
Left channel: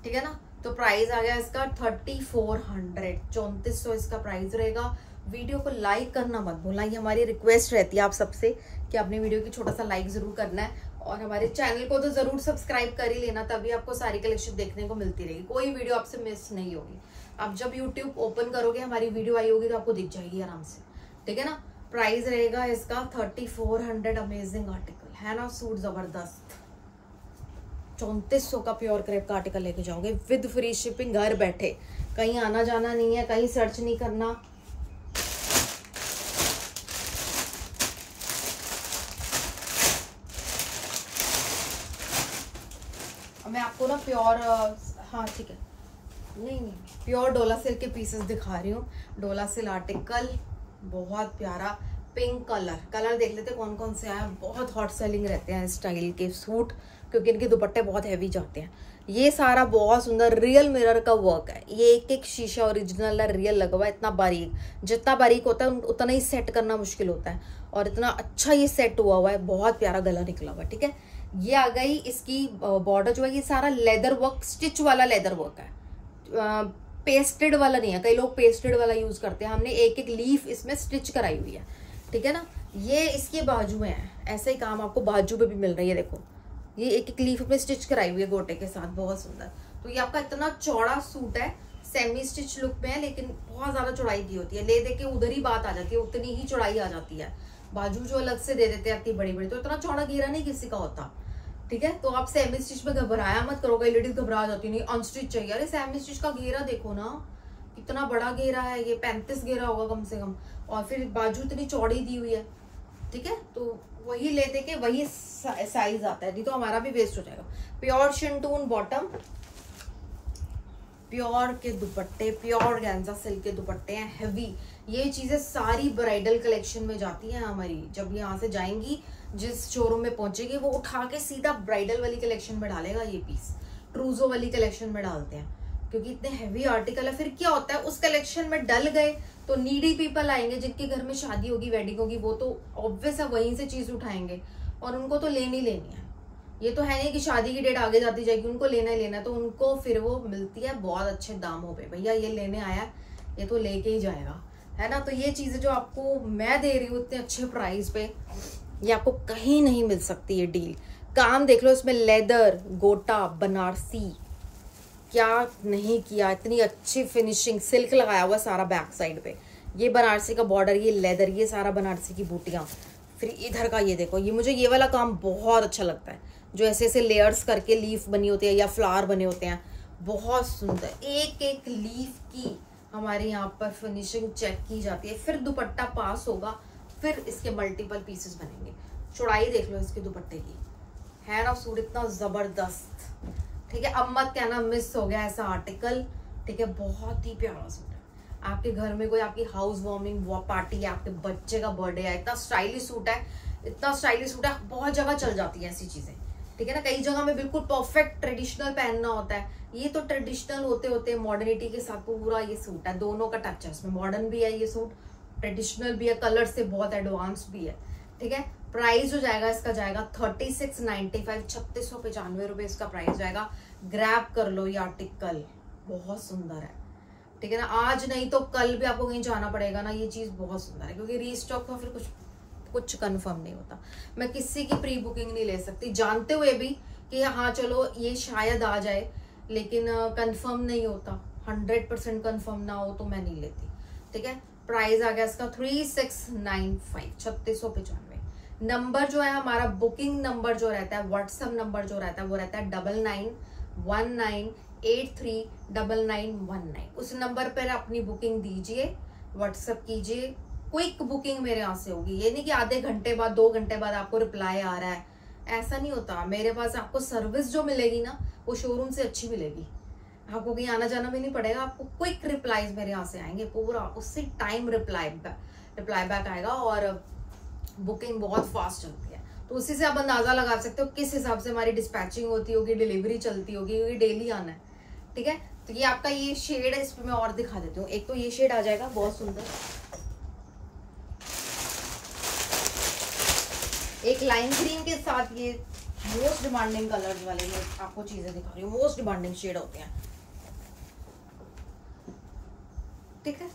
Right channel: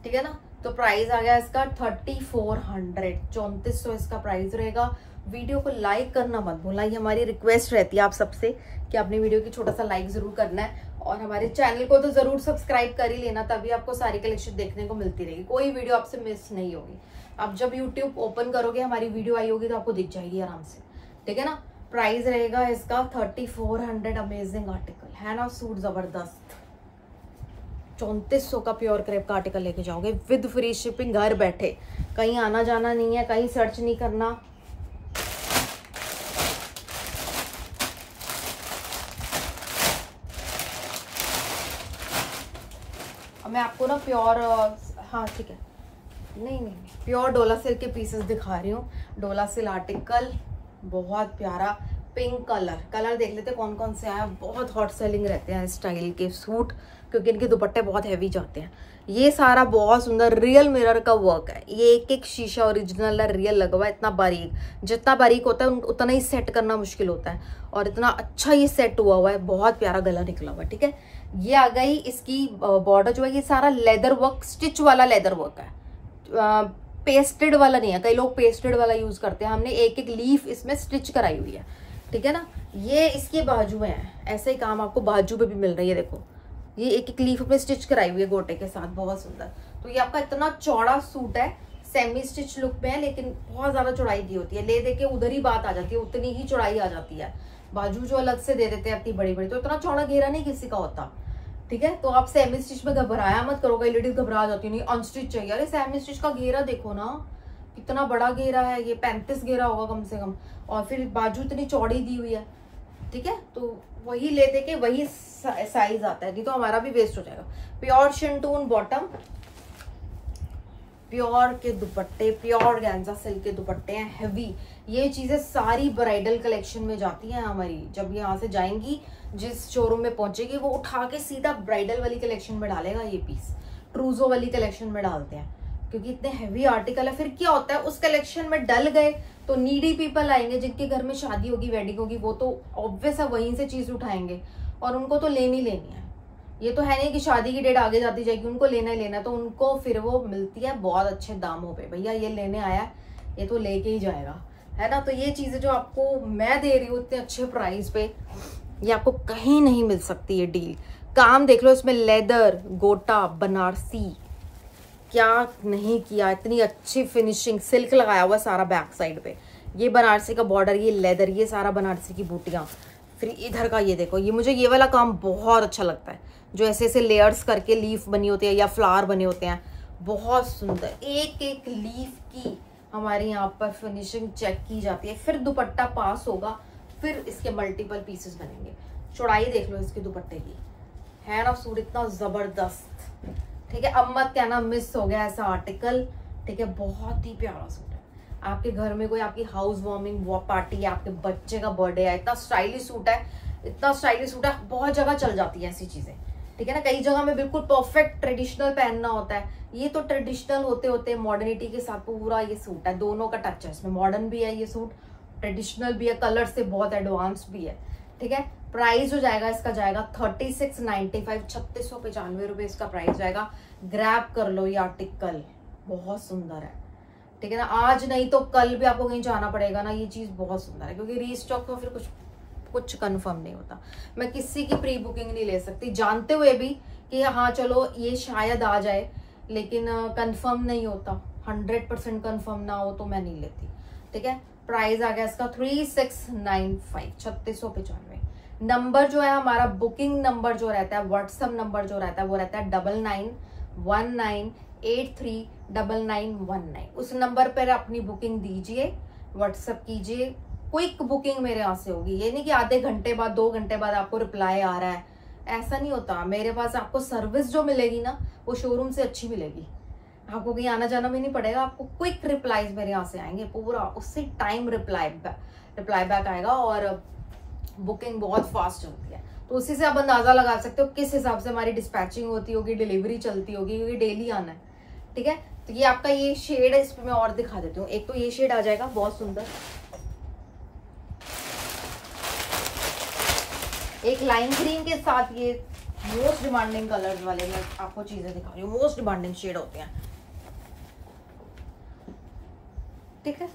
ठीक है ना। तो प्राइस आ गया इसका 3400, 3400 इसका प्राइस रहेगा। वीडियो को लाइक करना मत भूलना, ये हमारी रिक्वेस्ट रहती है आप सबसे कि आपने वीडियो की छोटा सा लाइक जरूर करना है, और हमारे चैनल को तो जरूर सब्सक्राइब कर ही लेना, तभी आपको सारी कलेक्शन देखने को मिलती रहेगी, कोई वीडियो आपसे मिस नहीं होगी। आप जब यूट्यूब ओपन करोगे हमारी वीडियो आई होगी तो आपको दिख जाएगी आराम से, ठीक है ना। प्राइस रहेगा इसका 3400। अमेजिंग आर्टिकल है ना, सूट जबरदस्त। 3400 का प्योर क्रेप का आर्टिकल लेके जाओगे विद फ्री शिपिंग, घर बैठे, कहीं आना जाना नहीं है, कहीं सर्च नहीं करना। मैं आपको ना प्योर, हाँ ठीक है, नहीं प्योर डोला सिल्क के पीसेस दिखा रही हूँ। डोला सिल्क आर्टिकल बहुत प्यारा, पिंक कलर देख लेते कौन कौन से आया। बहुत हॉट सेलिंग रहते हैं इस स्टाइल के सूट, क्योंकि इनके दुपट्टे बहुत हैवी जाते हैं। ये सारा बहुत सुंदर रियल मिरर का वर्क है, ये एक एक शीशा ओरिजिनल है, रियल लगा हुआ है। इतना बारीक, जितना बारीक होता है उतना ही सेट करना मुश्किल होता है, और इतना अच्छा ये सेट हुआ है, बहुत प्यारा गला निकला हुआ है, ठीक है। ये आ गई इसकी बॉर्डर जो है, ये सारा लेदर वर्क, स्टिच वाला लेदर वर्क है, पेस्टेड वाला नहीं है। कई लोग पेस्टेड वाला यूज करते हैं, हमने एक एक लीफ इसमें स्टिच कराई हुई है, ठीक है ना। ये इसकी बाजू में है, ऐसे ही काम आपको बाजू पे भी मिल रही है, देखो ये एक एक लीफ में स्टिच कराई हुई है गोटे के साथ, बहुत सुंदर। तो ये आपका इतना चौड़ा सूट है, सेमी स्टिच लुक में है, लेकिन बहुत ज्यादा चौड़ाई दी होती है, ले दे के उधर ही बात आ जाती है, उतनी ही चौड़ाई आ जाती है। बाजू जो अलग से दे देते हैं इतनी बड़ी बड़ी, तो इतना चौड़ा घेरा नहीं किसी का होता, ठीक है। तो आप सेमी स्टिच में घबराया मत करो, कई लेडीज घबरा जाती नहीं, अनस्टिच चाहिए। अरे सेमी स्टिच का घेरा देखो ना, कितना बड़ा घेरा है, ये 35 घेरा होगा कम से कम, और फिर बाजू इतनी चौड़ी दी हुई है, ठीक है। तो वही ले दे के वही साइज आता है, नहीं तो हमारा भी वेस्ट हो जाएगा। प्योर शिंटून बॉटम, प्योर के दुपट्टे, प्योर गैंजा सिल्क के दुपट्टे हैं, हैवी। ये चीजें सारी ब्राइडल कलेक्शन में जाती हैं हमारी, जब यहाँ से जाएंगी जिस शोरूम में पहुंचेगी वो उठा के सीधा ब्राइडल वाली कलेक्शन में डालेगा। ये पीस ट्रूजो वाली कलेक्शन में डालते हैं, क्योंकि इतने हैवी आर्टिकल है। फिर क्या होता है, उस कलेक्शन में डल गए तो नीडी पीपल आएंगे, जिनके घर में शादी होगी, वेडिंग होगी, वो तो ऑब्वियस है वहीं से चीज उठाएंगे, और उनको तो लेनी है। ये तो है नहीं कि शादी की डेट आगे जाती जाएगी, उनको लेना ही लेना है, तो उनको फिर वो मिलती है बहुत अच्छे दामों पे। भैया ये लेने आया है, ये तो लेके ही जाएगा, है ना। तो ये चीजें जो आपको मैं दे रही हूँ इतने अच्छे प्राइस पे, ये आपको कहीं नहीं मिल सकती ये डील। काम देख लो इसमें, लेदर, गोटा, बनारसी, क्या नहीं किया, इतनी अच्छी फिनिशिंग, सिल्क लगाया हुआ सारा बैक साइड पे, ये बनारसी का बॉर्डर, ये लेदर, ये सारा बनारसी की बूटियां, फिर इधर का ये देखो, ये मुझे ये वाला काम बहुत अच्छा लगता है, जो ऐसे ऐसे लेयर्स करके लीफ बनी होती है या फ्लावर बने होते हैं, बहुत सुंदर। एक एक लीफ की हमारे यहाँ पर फिनिशिंग चेक की जाती है, फिर दुपट्टा पास होगा, फिर इसके मल्टीपल पीसेस बनेंगे। चौड़ाई देख लो इसके दुपट्टे की, है ना सूट इतना जबरदस्त, ठीक है। अब मत कहना मिस हो गया ऐसा आर्टिकल, ठीक है। बहुत ही प्यारा सूट है, आपके घर में कोई आपकी हाउस वार्मिंग पार्टी है, आपके बच्चे का बर्थडे है, इतना स्टाइलिश सूट है, इतना स्टाइलिश सूट है, बहुत जगह चल जाती है ऐसी चीजें, ठीक है ना। कई जगह में बिल्कुल परफेक्ट ट्रेडिशनल पहनना होता है, ये तो ट्रेडिशनल होते होते मॉडर्निटी के साथ पूरा ये सूट है, दोनों का टच है इसमें, मॉडर्न भी है ये सूट, ट्रेडिशनल भी है, कलर से बहुत एडवांस भी है, ठीक है। प्राइस जो जाएगा इसका जाएगा 3695, 3695 रुपए इसका प्राइस जाएगा। ग्रैब कर लो ये आर्टिकल, बहुत सुंदर है, ठीक है ना। आज नहीं तो कल भी आपको कहीं जाना पड़ेगा ना, ये चीज बहुत सुंदर है, क्योंकि रीस्टॉक तो फिर कुछ कंफर्म नहीं होता। मैं किसी की प्री बुकिंग नहीं ले सकती, जानते हुए भी कि हाँ चलो ये शायद आ जाए, लेकिन कंफर्म नहीं होता, 100% कंफर्म ना हो तो मैं नहीं लेती, ठीक है। प्राइस आ गया इसका 3695, 3695। नंबर जो है हमारा बुकिंग नंबर जो रहता है, व्हाट्सएप नंबर जो रहता है वो रहता है 9919839919। उस नंबर पर अपनी बुकिंग दीजिए, व्हाट्सएप कीजिए, क्विक बुकिंग मेरे यहाँ से होगी। ये नहीं कि आधे घंटे बाद 2 घंटे बाद आपको रिप्लाई आ रहा है, ऐसा नहीं होता। मेरे पास आपको सर्विस जो मिलेगी ना वो शोरूम से अच्छी मिलेगी, आपको कहीं आना जाना भी नहीं पड़ेगा, आपको क्विक रिप्लाईज मेरे यहाँ से आएंगे, पूरा उसी टाइम रिप्लाई बैक आएगा, और बुकिंग बहुत फास्ट चलती है। तो उसी से आप अंदाजा लगा सकते हो किस हिसाब से हमारी डिस्पैचिंग होती होगी, डिलीवरी चलती होगी, क्योंकि डेली आना है, ठीक है। तो ये आपका ये शेड है, इस पर मैं और दिखा देती हूँ। एक तो ये शेड आ जाएगा बहुत सुंदर, एक लाइम ग्रीन के साथ ये मोस्ट डिमांडिंग कलर्स वाले मैं आपको चीजें दिखा रही हूँ, मोस्ट डिमांडिंग शेड होते हैं, ठीक है।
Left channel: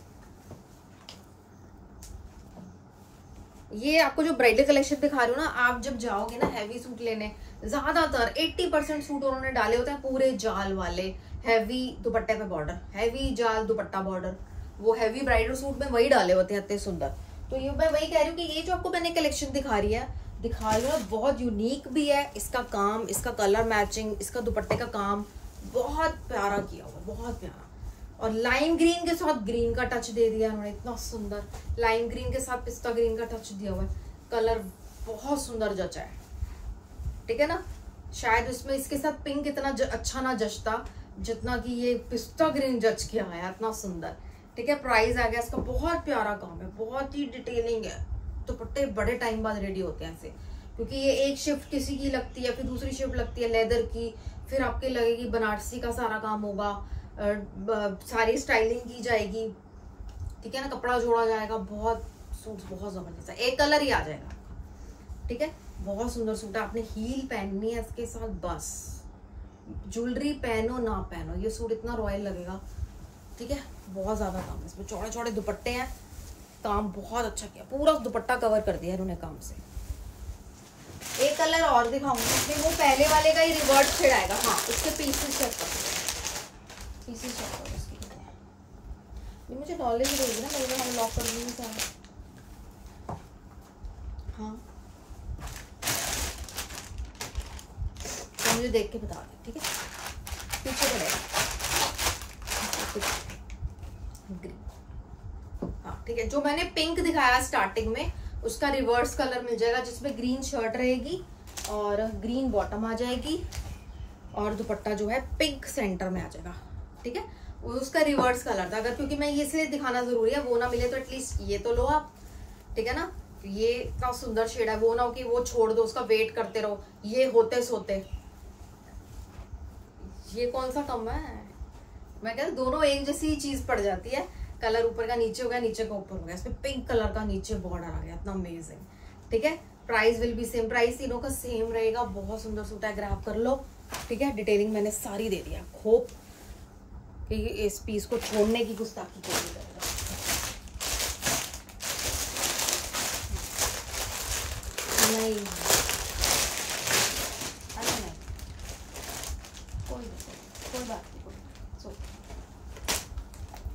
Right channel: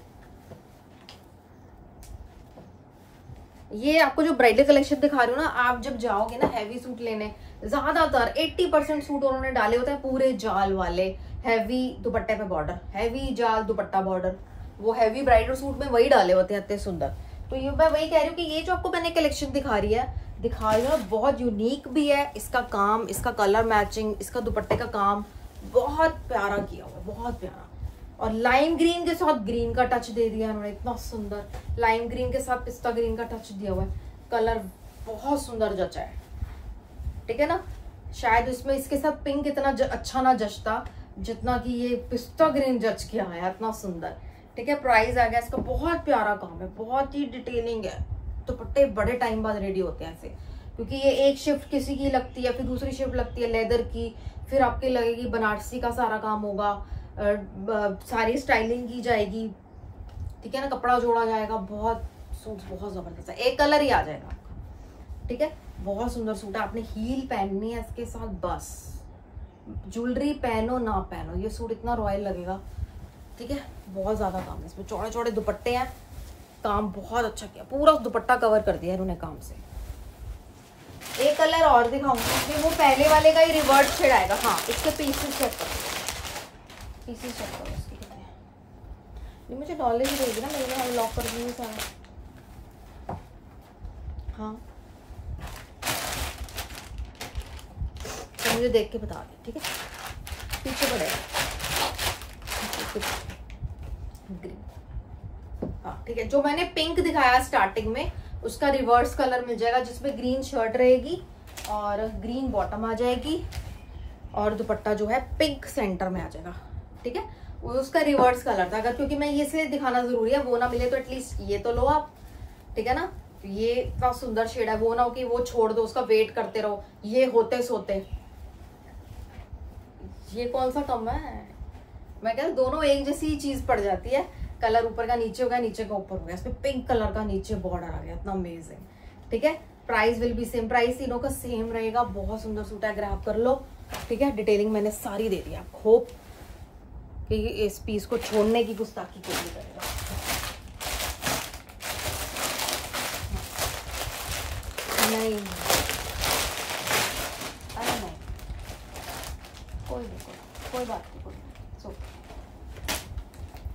ये आपको जो ब्राइडल कलेक्शन दिखा रही हूँ ना, आप जब जाओगे ना हैवी सूट लेने, ज्यादातर 80% सूट उन्होंने डाले होते हैं पूरे जाल वाले, हैवी दुपट्टे पे बॉर्डर, हैवी जाल दुपट्टा बॉर्डर, वो हैवी ब्राइडल सूट में वही डाले होते हैं इतने सुंदर। तो ये मैं वही कह रही हूँ कि ये जो आपको मैंने कलेक्शन दिखा रही है बहुत यूनिक भी है, इसका काम, इसका कलर मैचिंग, इसका दुपट्टे का काम बहुत प्यारा किया हुआ है, बहुत प्यारा। और लाइम ग्रीन के साथ ग्रीन का टच दे दिया उन्होंने, इतना सुंदर लाइम ग्रीन के साथ पिस्ता ग्रीन का टच दिया हुआ है, कलर बहुत सुंदर जचा है, ठीक है ना। शायद इसमें इसके साथ पिंक इतना अच्छा ना जचता जितना कि ये पिस्ता ग्रीन जच के आया, इतना सुंदर, ठीक है। प्राइस आ गया इसका, बहुत प्यारा काम है, बहुत ही डिटेलिंग है। दुपट्टे बड़े टाइम बाद रेडी होते हैं ऐसे, क्योंकि ये एक शिफ्ट किसी की लगती है, फिर दूसरी शिफ्ट लगती है लेदर की, फिर आपके लगेगी बनारसी का सारा काम होगा, सारी स्टाइलिंग की जाएगी, ठीक है ना, कपड़ा जोड़ा जाएगा, बहुत सूट बहुत जबरदस्त है, एक कलर ही आ जाएगा, ठीक है। बहुत सुंदर सूट है, आपने हील पहननी है इसके साथ, बस ज्वेलरी पहनो ना पहनो ये सूट इतना रॉयल लगेगा, ठीक है। बहुत ज्यादा काम है इसमें, चौड़े चौड़े दुपट्टे हैं, काम बहुत अच्छा किया, पूरा दुपट्टा कवर कर दिया इन्होंने काम से। एक कलर और दिखाऊंगी, इसमें वो पहले वाले का ही रिवर्ट शेड आएगा। हाँ, इसके पीसेस चेक करो, पीसेस चेक करो इसके कितने हैं। ये मुझे नॉलेज देगी ना, मेरे हम लॉक कर दिए सारा। हाँ, तो मुझे देख के बता दे, ठीक है। पीछे पड़ेगा ग्रीन, हाँ ठीक है। जो मैंने पिंक दिखाया स्टार्टिंग में, उसका रिवर्स कलर मिल जाएगा, जिसमें ग्रीन शर्ट रहेगी और ग्रीन बॉटम आ जाएगी, और दुपट्टा जो है पिंक सेंटर में आ जाएगा, ठीक है। उसका रिवर्स कलर था, अगर क्योंकि मैं ये इसलिए दिखाना जरूरी है, वो ना मिले तो एटलीस्ट ये तो लो आप, ठीक है ना। ये इतना सुंदर शेड है, वो ना हो कि वो छोड़ दो, उसका वेट करते रहो, ये होते सोते। ये कौन सा कम है, मैं कहता दोनों एक जैसी चीज पड़ जाती है, कलर ऊपर का नीचे हो गया, नीचे का ऊपर हो गया, इसमें पिंक कलर का नीचे बॉर्डर आ गया, इतना अमेजिंग, ठीक है। Price will be same, price तीनों का सेम रहेगा। बहुत सुंदर सूट है, ग्रैब कर लो, ठीक है। डिटेलिंग मैंने सारी दे दी आपको, होप कि इस पीस को छोड़ने की गुस्ताखी कोई नहीं करेगा। नहीं, अरे नहीं, कोई बात नहीं,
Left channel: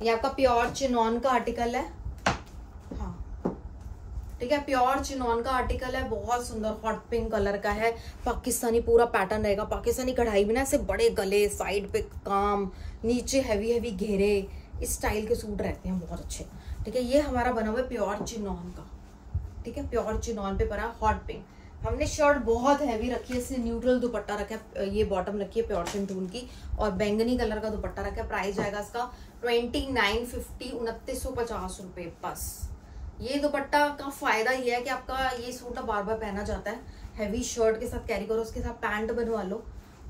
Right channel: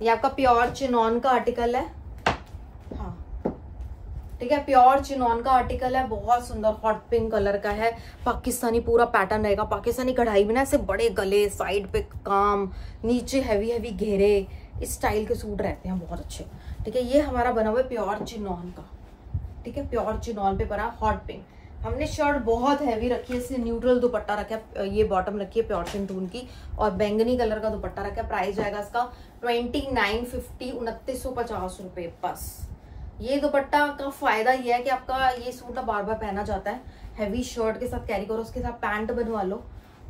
ये आपका प्योर चिनॉन का आर्टिकल है, हाँ ठीक है, प्योर चिनॉन का आर्टिकल है, बहुत सुंदर हॉट पिंक कलर का है, पाकिस्तानी पूरा पैटर्न रहेगा, पाकिस्तानी कढ़ाई में ना ऐसे बड़े गले, साइड पे काम, नीचे हैवी हैवी घेरे, इस स्टाइल के सूट रहते हैं बहुत अच्छे, ठीक है। ये हमारा बना हुआ है प्योर चिनॉन का, ठीक है, प्योर चिनॉन पे बना हॉट पिंक। हमने शर्ट बहुत हैवी रखी है, इससे न्यूट्रल दुपट्टा रखा है, ये बॉटम रखी है प्योर सिंथून की, और बैंगनी कलर का दुपट्टा रखा है। प्राइस जाएगा इसका 2950, 2950 रुपए बस। ये दुपट्टा का फायदा ये है कि आपका ये सूट ना बार बार पहना जाता है, हैवी शर्ट के साथ कैरी करो, उसके साथ पैंट बनवा लो,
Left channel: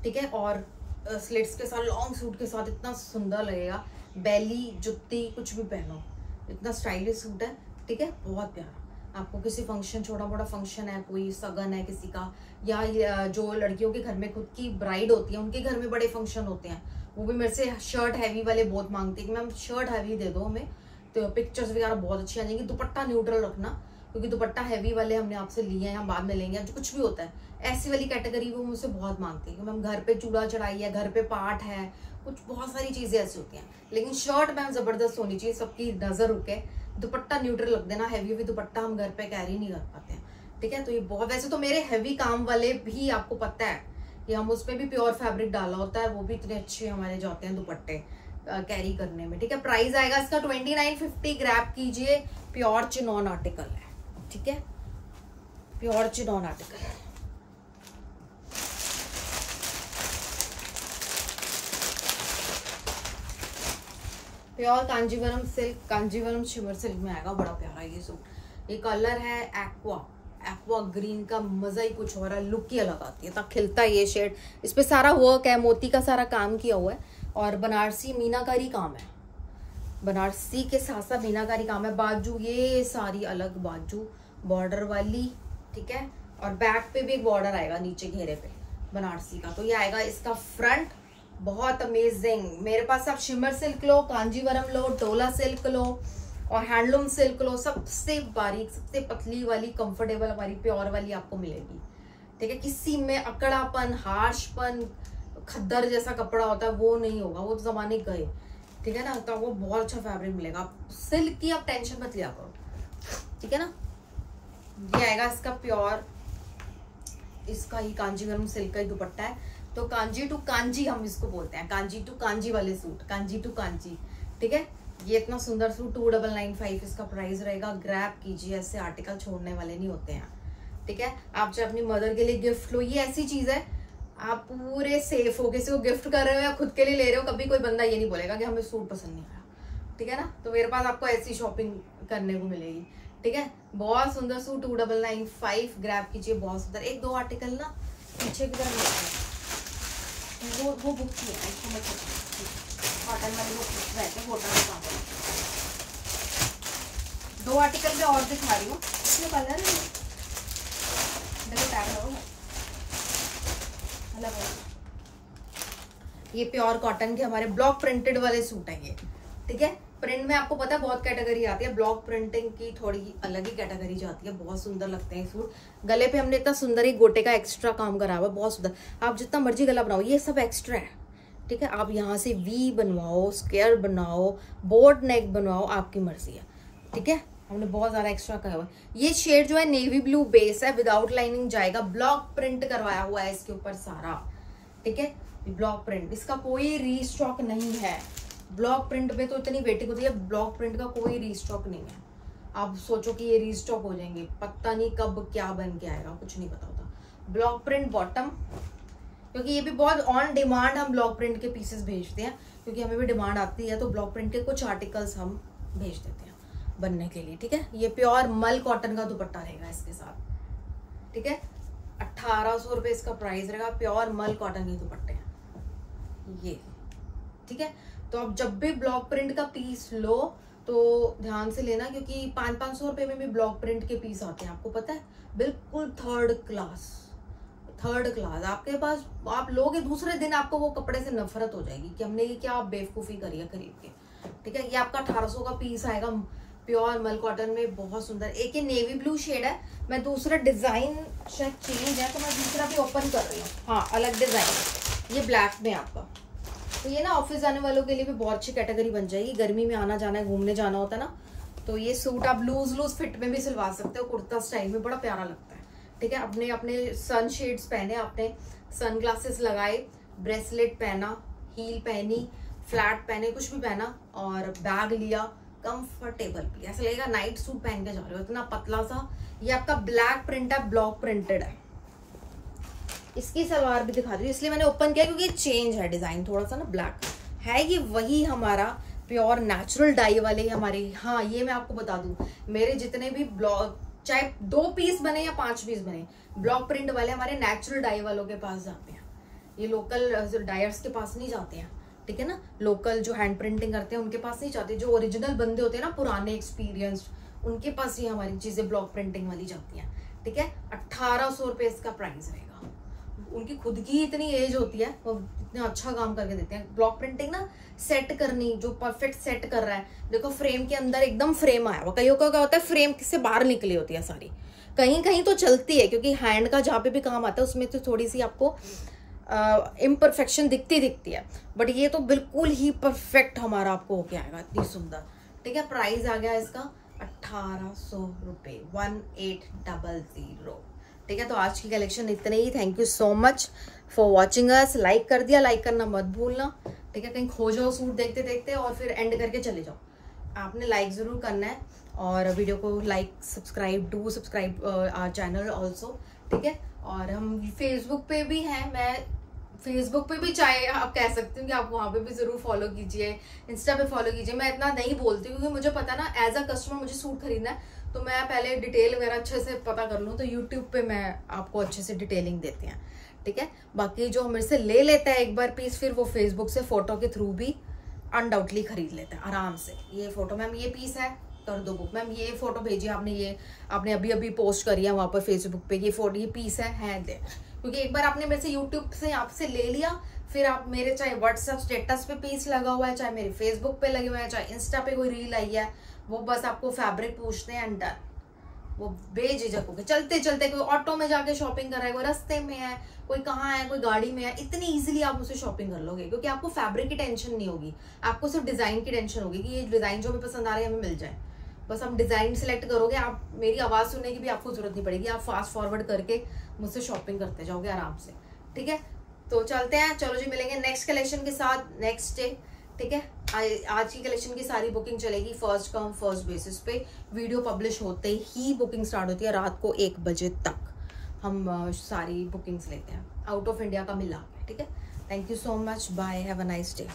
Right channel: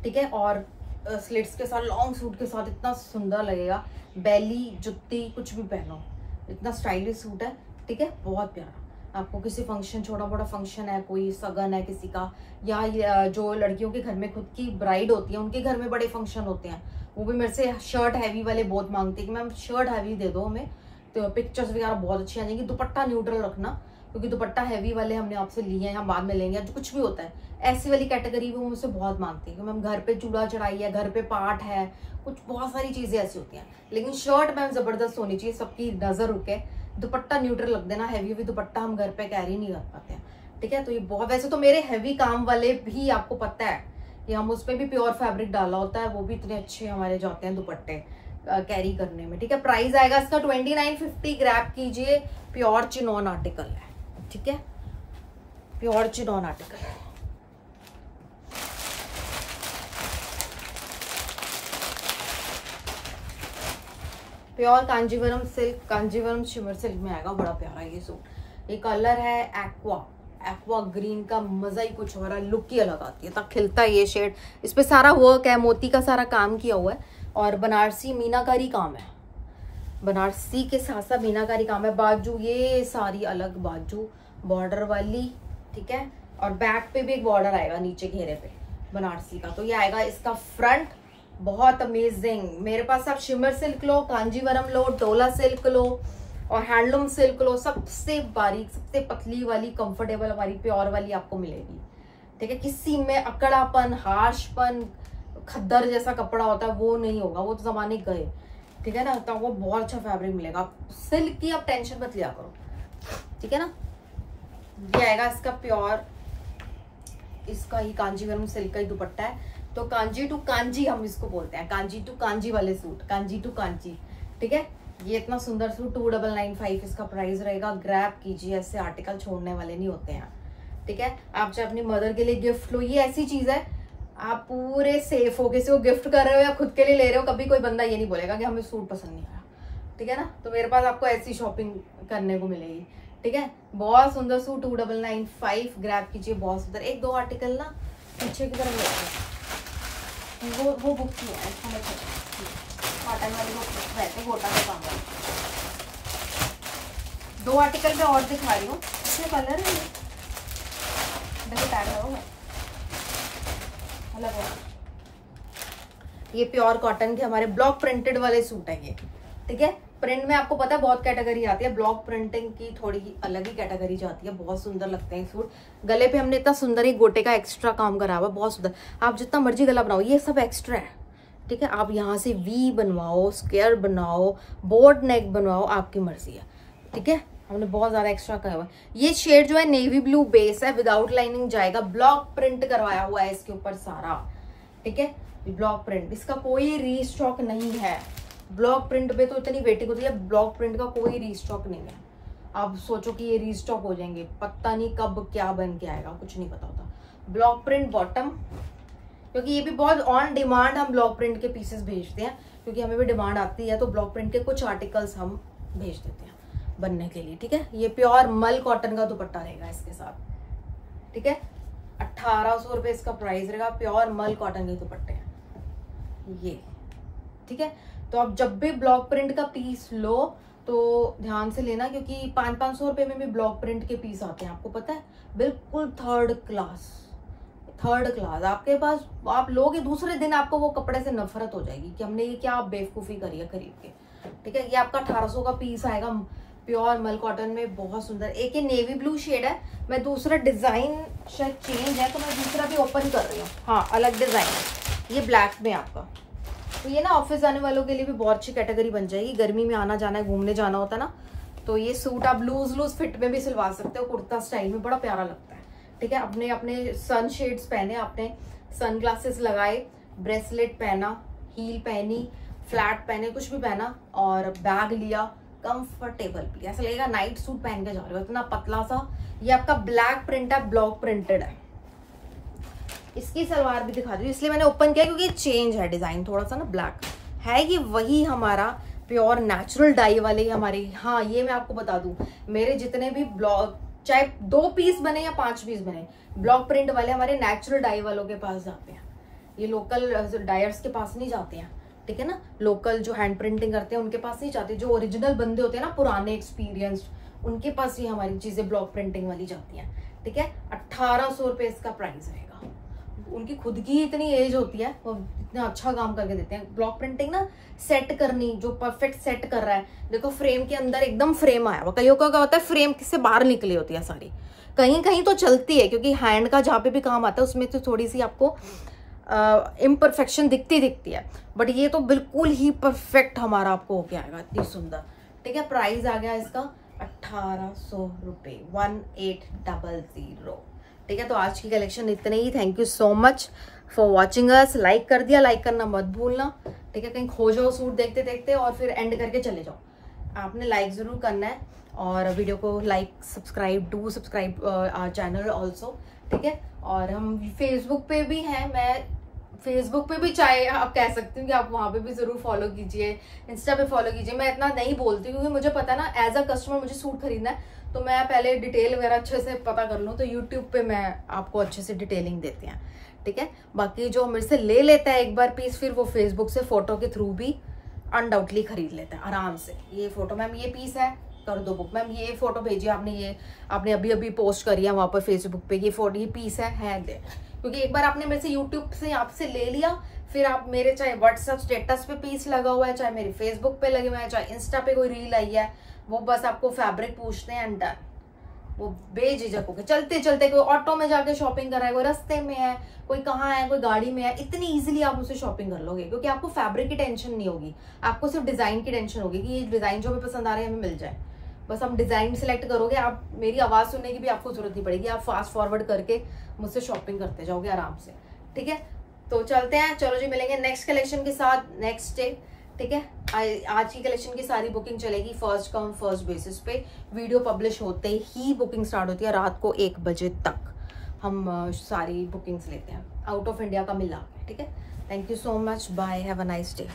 ठीक है, और स्लिट्स के साथ, लॉन्ग सूट के साथ इतना सुंदर लगेगा, बेली जुत्ती कुछ भी पहनो, इतना स्टाइलिश सूट है, ठीक है, बहुत प्यारा। आपको किसी फंक्शन, छोटा मोटा फंक्शन है, कोई सगन है किसी का, या जो लड़कियों के घर में खुद की ब्राइड होती है, उनके घर में बड़े फंक्शन होते हैं, वो भी मेरे से शर्ट हैवी वाले बहुत मांगते हैं कि मैम शर्ट हैवी दे दो हमें, तो पिक्चर्स वगैरह बहुत अच्छी आ जाएंगी। दुपट्टा न्यूट्रल रखना, क्योंकि दुपट्टा हैवी वाले हमने आपसे लिए हैं, हम बाद में लेंगे, जो कुछ भी होता है ऐसी वाली कैटेगरी वो मुझसे बहुत मांगती है कि मैम घर पे चूड़ा चढ़ाई है, घर पे पाठ है, कुछ बहुत सारी चीजें ऐसी होती हैं, लेकिन शर्ट मैम जबरदस्त होनी चाहिए, सबकी नजर रुके, दुपट्टा न्यूट्रल रख देना, हैवी दुपट्टा हम घर पे कैरी नहीं कर पाते हैं, ठीक है। तो ये बहुत, वैसे तो मेरे हैवी काम वाले भी आपको पता है कि हम उसमें भी प्योर फैब्रिक डाला होता है, वो भी इतने अच्छे हमारे जाते हैं दुपट्टे कैरी करने में, ठीक है। प्राइस आएगा इसका 2950, ग्रैब कीजिए, प्योर चिनॉन आर्टिकल है, ठीक है, प्योर चिनॉन आर्टिकल है। Pure Kanjeevaram silk, Kanjeevaram shimmer silk में आएगा, बड़ा प्यारा ये सूट। ये कलर है एक्वा ग्रीन का, मजा ही कुछ हो रहा है, लुक ही अलग आती है, तक खिलता है ये शेड। इस पे सारा वर्क है, मोती का सारा काम किया हुआ है, और बनारसी मीनाकारी काम है, बनारसी के साथ साथ मीनाकारी काम है। बाजू ये सारी अलग बाजू बॉर्डर वाली, ठीक है, और बैक पे भी एक बॉर्डर आएगा नीचे घेरे पे बनारसी का। तो ये आएगा इसका फ्रंट, बहुत अमेजिंग। मेरे पास आप शिमर सिल्क लो, कांजीवरम लो, डोला सिल्क लो और हैंडलूम सिल्क लो, सबसे बारीक, सबसे पतली वाली, कंफर्टेबल वाली, प्योर वाली आपको मिलेगी। ठीक है, किसी में अकड़ापन, हार्शपन, खद्दर जैसा कपड़ा होता है वो नहीं होगा, वो तो जमाने गए। ठीक है ना, तो वो बहुत अच्छा फैब्रिक मिलेगा। सिल्क की आप टेंशन मत लिया करो। ठीक है ना, ये आएगा इसका प्योर, इसका ही कांजीवरम सिल्क का ही दुपट्टा है। तो कांजी टू कांजी हम इसको बोलते हैं, कांजी टू कांजी वाले सूट, कांजी टू कांजी। ठीक है, ये इतना सुंदर सूट 2995 इसका प्राइस रहेगा। ग्रैब कीजिए, ऐसे आर्टिकल छोड़ने वाले नहीं होते हैं। ठीक है, आप चाहे अपनी मदर के लिए गिफ्ट लो, ये ऐसी चीज है आप पूरे सेफ हो, किसी को गिफ्ट कर रहे हो या खुद के लिए ले रहे हो, कभी कोई बंदा ये नहीं बोलेगा कि हमें सूट पसंद नहीं आया। ठीक है ना, तो मेरे पास आपको ऐसी शॉपिंग करने को मिलेगी। ठीक है, बहुत सुंदर सूट 2995 ग्रैब कीजिए, बहुत सुंदर। एक दो आर्टिकल ना पीछे की तरफ लेते हैं, वो बुक किया है, कॉटन वाली बुक रहते, गोटा का काम है। दो आर्टिकल में और दिखा रही हूँ, इसमें कलर है, देखो टैग लगाओ, अलग है। ये प्योर कॉटन के हमारे ब्लॉक प्रिंटेड वाले सूट है ये। ठीक है, प्रिंट में आपको पता है बहुत कैटेगरी आती है, ब्लॉक प्रिंटिंग की थोड़ी अलग ही कैटेगरी जाती है। बहुत सुंदर लगते हैं सूट। गले पे हमने इतना सुंदर ही गोटे का एक्स्ट्रा काम करा हुआ, बहुत सुंदर। आप जितना मर्जी गला बनाओ, ये सब एक्स्ट्रा है। ठीक है, आप यहाँ से वी बनवाओ, स्क्वायर बनाओ, बोर्ड नेक बनवाओ, आपकी मर्जी है। ठीक है, हमने बहुत ज्यादा एक्स्ट्रा करा हुआ है। ये शेड जो है नेवी ब्लू बेस है, विदाउट लाइनिंग जाएगा, ब्लॉक प्रिंट करवाया हुआ है इसके ऊपर सारा। ठीक है, ब्लॉक प्रिंट, इसका कोई रीस्टॉक नहीं है। ब्लॉक प्रिंट पे तो इतनी वेटिंग होती है, ब्लॉक प्रिंट का कोई रीस्टॉक नहीं है। आप सोचो कि ये रीस्टॉक हो जाएंगे, पता नहीं कब क्या बन के आएगा, कुछ नहीं पता होता। ब्लॉक प्रिंट बॉटम, क्योंकि ये भी बहुत ऑन डिमांड हम ब्लॉक प्रिंट के पीसेस भेजते हैं, क्योंकि हमें भी डिमांड आती है, तो ब्लॉक प्रिंट के कुछ आर्टिकल्स हम भेज देते हैं बनने के लिए। ठीक है, ये प्योर मल कॉटन का दुपट्टा रहेगा इसके साथ। ठीक है, 1800 रुपए इसका प्राइस रहेगा, प्योर मल कॉटन के दुपट्टे ये। ठीक है, तो आप जब भी ब्लॉक प्रिंट का पीस लो तो ध्यान से लेना, क्योंकि 500-500 रुपए में भी ब्लॉक प्रिंट के पीस आते हैं, आपको पता है, बिल्कुल थर्ड क्लास। आपके पास आप लोगे, दूसरे दिन आपको वो कपड़े से नफरत हो जाएगी कि हमने ये क्या बेवकूफी करी है खरीद के। ठीक है, ये आपका 1800 का पीस आएगा, प्योर मल कॉटन में, बहुत सुंदर। एक ये नेवी ब्लू शेड है, मैं दूसरा डिजाइन शायद चेंज है तो मैं दूसरा भी ओपन कर रही हूँ। हाँ, अलग डिजाइन, ये ब्लैक में आपका। तो ये ना ऑफिस जाने वालों के लिए भी बहुत अच्छी कैटेगरी बन जाएगी। गर्मी में आना जाना है, घूमने जाना होता है ना, तो ये सूट आप लूज फिट में भी सिलवा सकते हो, कुर्ता स्टाइल में, बड़ा प्यारा लगता है। ठीक है, अपने सन शेड्स पहने, अपने सन ग्लासेस लगाए, ब्रेसलेट पहना, हील पहनी, फ्लैट पहने, कुछ भी पहना और बैग लिया, कंफर्टेबल भी, ऐसा लगेगा नाइट सूट पहन के जा रहे हो, इतना पतला सा। ये आपका ब्लैक प्रिंट है, ब्लॉक प्रिंटेड है। इसकी सलवार भी दिखा दी, इसलिए मैंने ओपन किया क्योंकि चेंज है डिजाइन थोड़ा सा ना, ब्लैक है। ये वही हमारा प्योर नेचुरल डाई वाले हमारे। हाँ, ये मैं आपको बता दूं, मेरे जितने भी ब्लॉक, चाहे 2 पीस बने या 5 पीस बने, ब्लॉक प्रिंट वाले हमारे नेचुरल डाई वालों के पास जाते हैं। ये लोकल डायर्स के पास नहीं जाते हैं। ठीक है ना, लोकल जो हैंड प्रिंटिंग करते हैं उनके पास नहीं जाते, जो ओरिजिनल बंदे होते हैं ना, पुराने एक्सपीरियंस्ड, उनके पास ही हमारी चीजें ब्लॉक प्रिंटिंग वाली जाती हैं। ठीक है, 1800 रुपए इसका प्राइस रहेगा। उनकी खुद की इतनी एज होती है, वो इतना अच्छा काम करके देते हैं। ब्लॉक प्रिंटिंग ना सेट करनी, जो परफेक्ट सेट कर रहा है, देखो फ्रेम के अंदर एकदम फ्रेम आया हुआ, कईयों का क्या होता है फ्रेम से बाहर निकली होती है साड़ी, कहीं कहीं तो चलती है, क्योंकि हैंड का जहाँ पे भी काम आता है उसमें तो थोड़ी सी आपको इम्परफेक्शन दिखती है, बट ये तो बिल्कुल ही परफेक्ट हमारा आपको होके आएगा, इतनी सुंदर। ठीक है, प्राइस आ गया इसका 1800 रुपए, 1800। ठीक है, तो आज की कलेक्शन इतने ही। Thank you so much for watching us. Like कर दिया, लाइक करना मत भूलना। ठीक है, कहीं खो जाओ सूट देखते देखते और फिर एंड करके चले जाओ, आपने लाइक जरूर करना है, और वीडियो को like, subscribe our channel also. ठीक है, और हम फेसबुक पे भी हैं, मैं फेसबुक पे भी चाहे आप कह सकती हूँ कि आप वहां पे भी जरूर फॉलो कीजिए, इंस्टा पे फॉलो कीजिए। मैं इतना नहीं बोलती क्योंकि मुझे पता ना, एज अ कस्टमर मुझे सूट खरीदना है तो मैं पहले डिटेल वगैरह अच्छे से पता कर लूँ, तो यूट्यूब पे मैं आपको अच्छे से डिटेलिंग देते हैं। ठीक है, बाकी जो मेरे से ले लेता है एक बार पीस, फिर वो फेसबुक से फोटो के थ्रू भी अनडाउटली खरीद लेता है आराम से। ये फोटो मैम, ये पीस है, कर दो बुक। मैम ये फोटो भेजिए आपने, ये आपने अभी अभी पोस्ट करी है वहां पर फेसबुक पे, ये फोटो, ये पीस है दे। क्योंकि एक बार आपने मेरे से यूट्यूब से आपसे ले लिया, फिर आप मेरे चाहे व्हाट्सएप स्टेटस पे पीस लगा हुआ है, चाहे मेरे फेसबुक पे लगे हुए हैं, चाहे इंस्टा पे कोई रील आई है, वो बस आपको फैब्रिक पूछते हैं एंड डन। वो बेझिझक होके चलते चलते, कोई ऑटो में जाके शॉपिंग कर रहा है, कोई रास्ते में है, कोई कहाँ है, कोई गाड़ी में है, इतनी इजीली आप मुझसे शॉपिंग कर लोगे। क्योंकि आपको फैब्रिक की टेंशन नहीं होगी, आपको सिर्फ डिजाइन की टेंशन होगी कि ये डिजाइन जो हमें पसंद आ रही है हमें मिल जाए। बस हम डिजाइन सिलेक्ट करोगे, आप मेरी आवाज सुनने की भी आपको जरूरत नहीं पड़ेगी, आप फास्ट फॉरवर्ड करके मुझसे शॉपिंग करते जाओगे आराम से। ठीक है, तो चलते हैं, चलो जी मिलेंगे नेक्स्ट कलेक्शन के साथ नेक्स्ट डे। ठीक है, आज की कलेक्शन की सारी बुकिंग चलेगी फर्स्ट कम फर्स्ट बेसिस पे। वीडियो पब्लिश होते ही बुकिंग स्टार्ट होती है, रात को 1 बजे तक हम सारी बुकिंग्स लेते हैं, आउट ऑफ इंडिया का मिला। ठीक है, thank you so much, bye, have a nice day.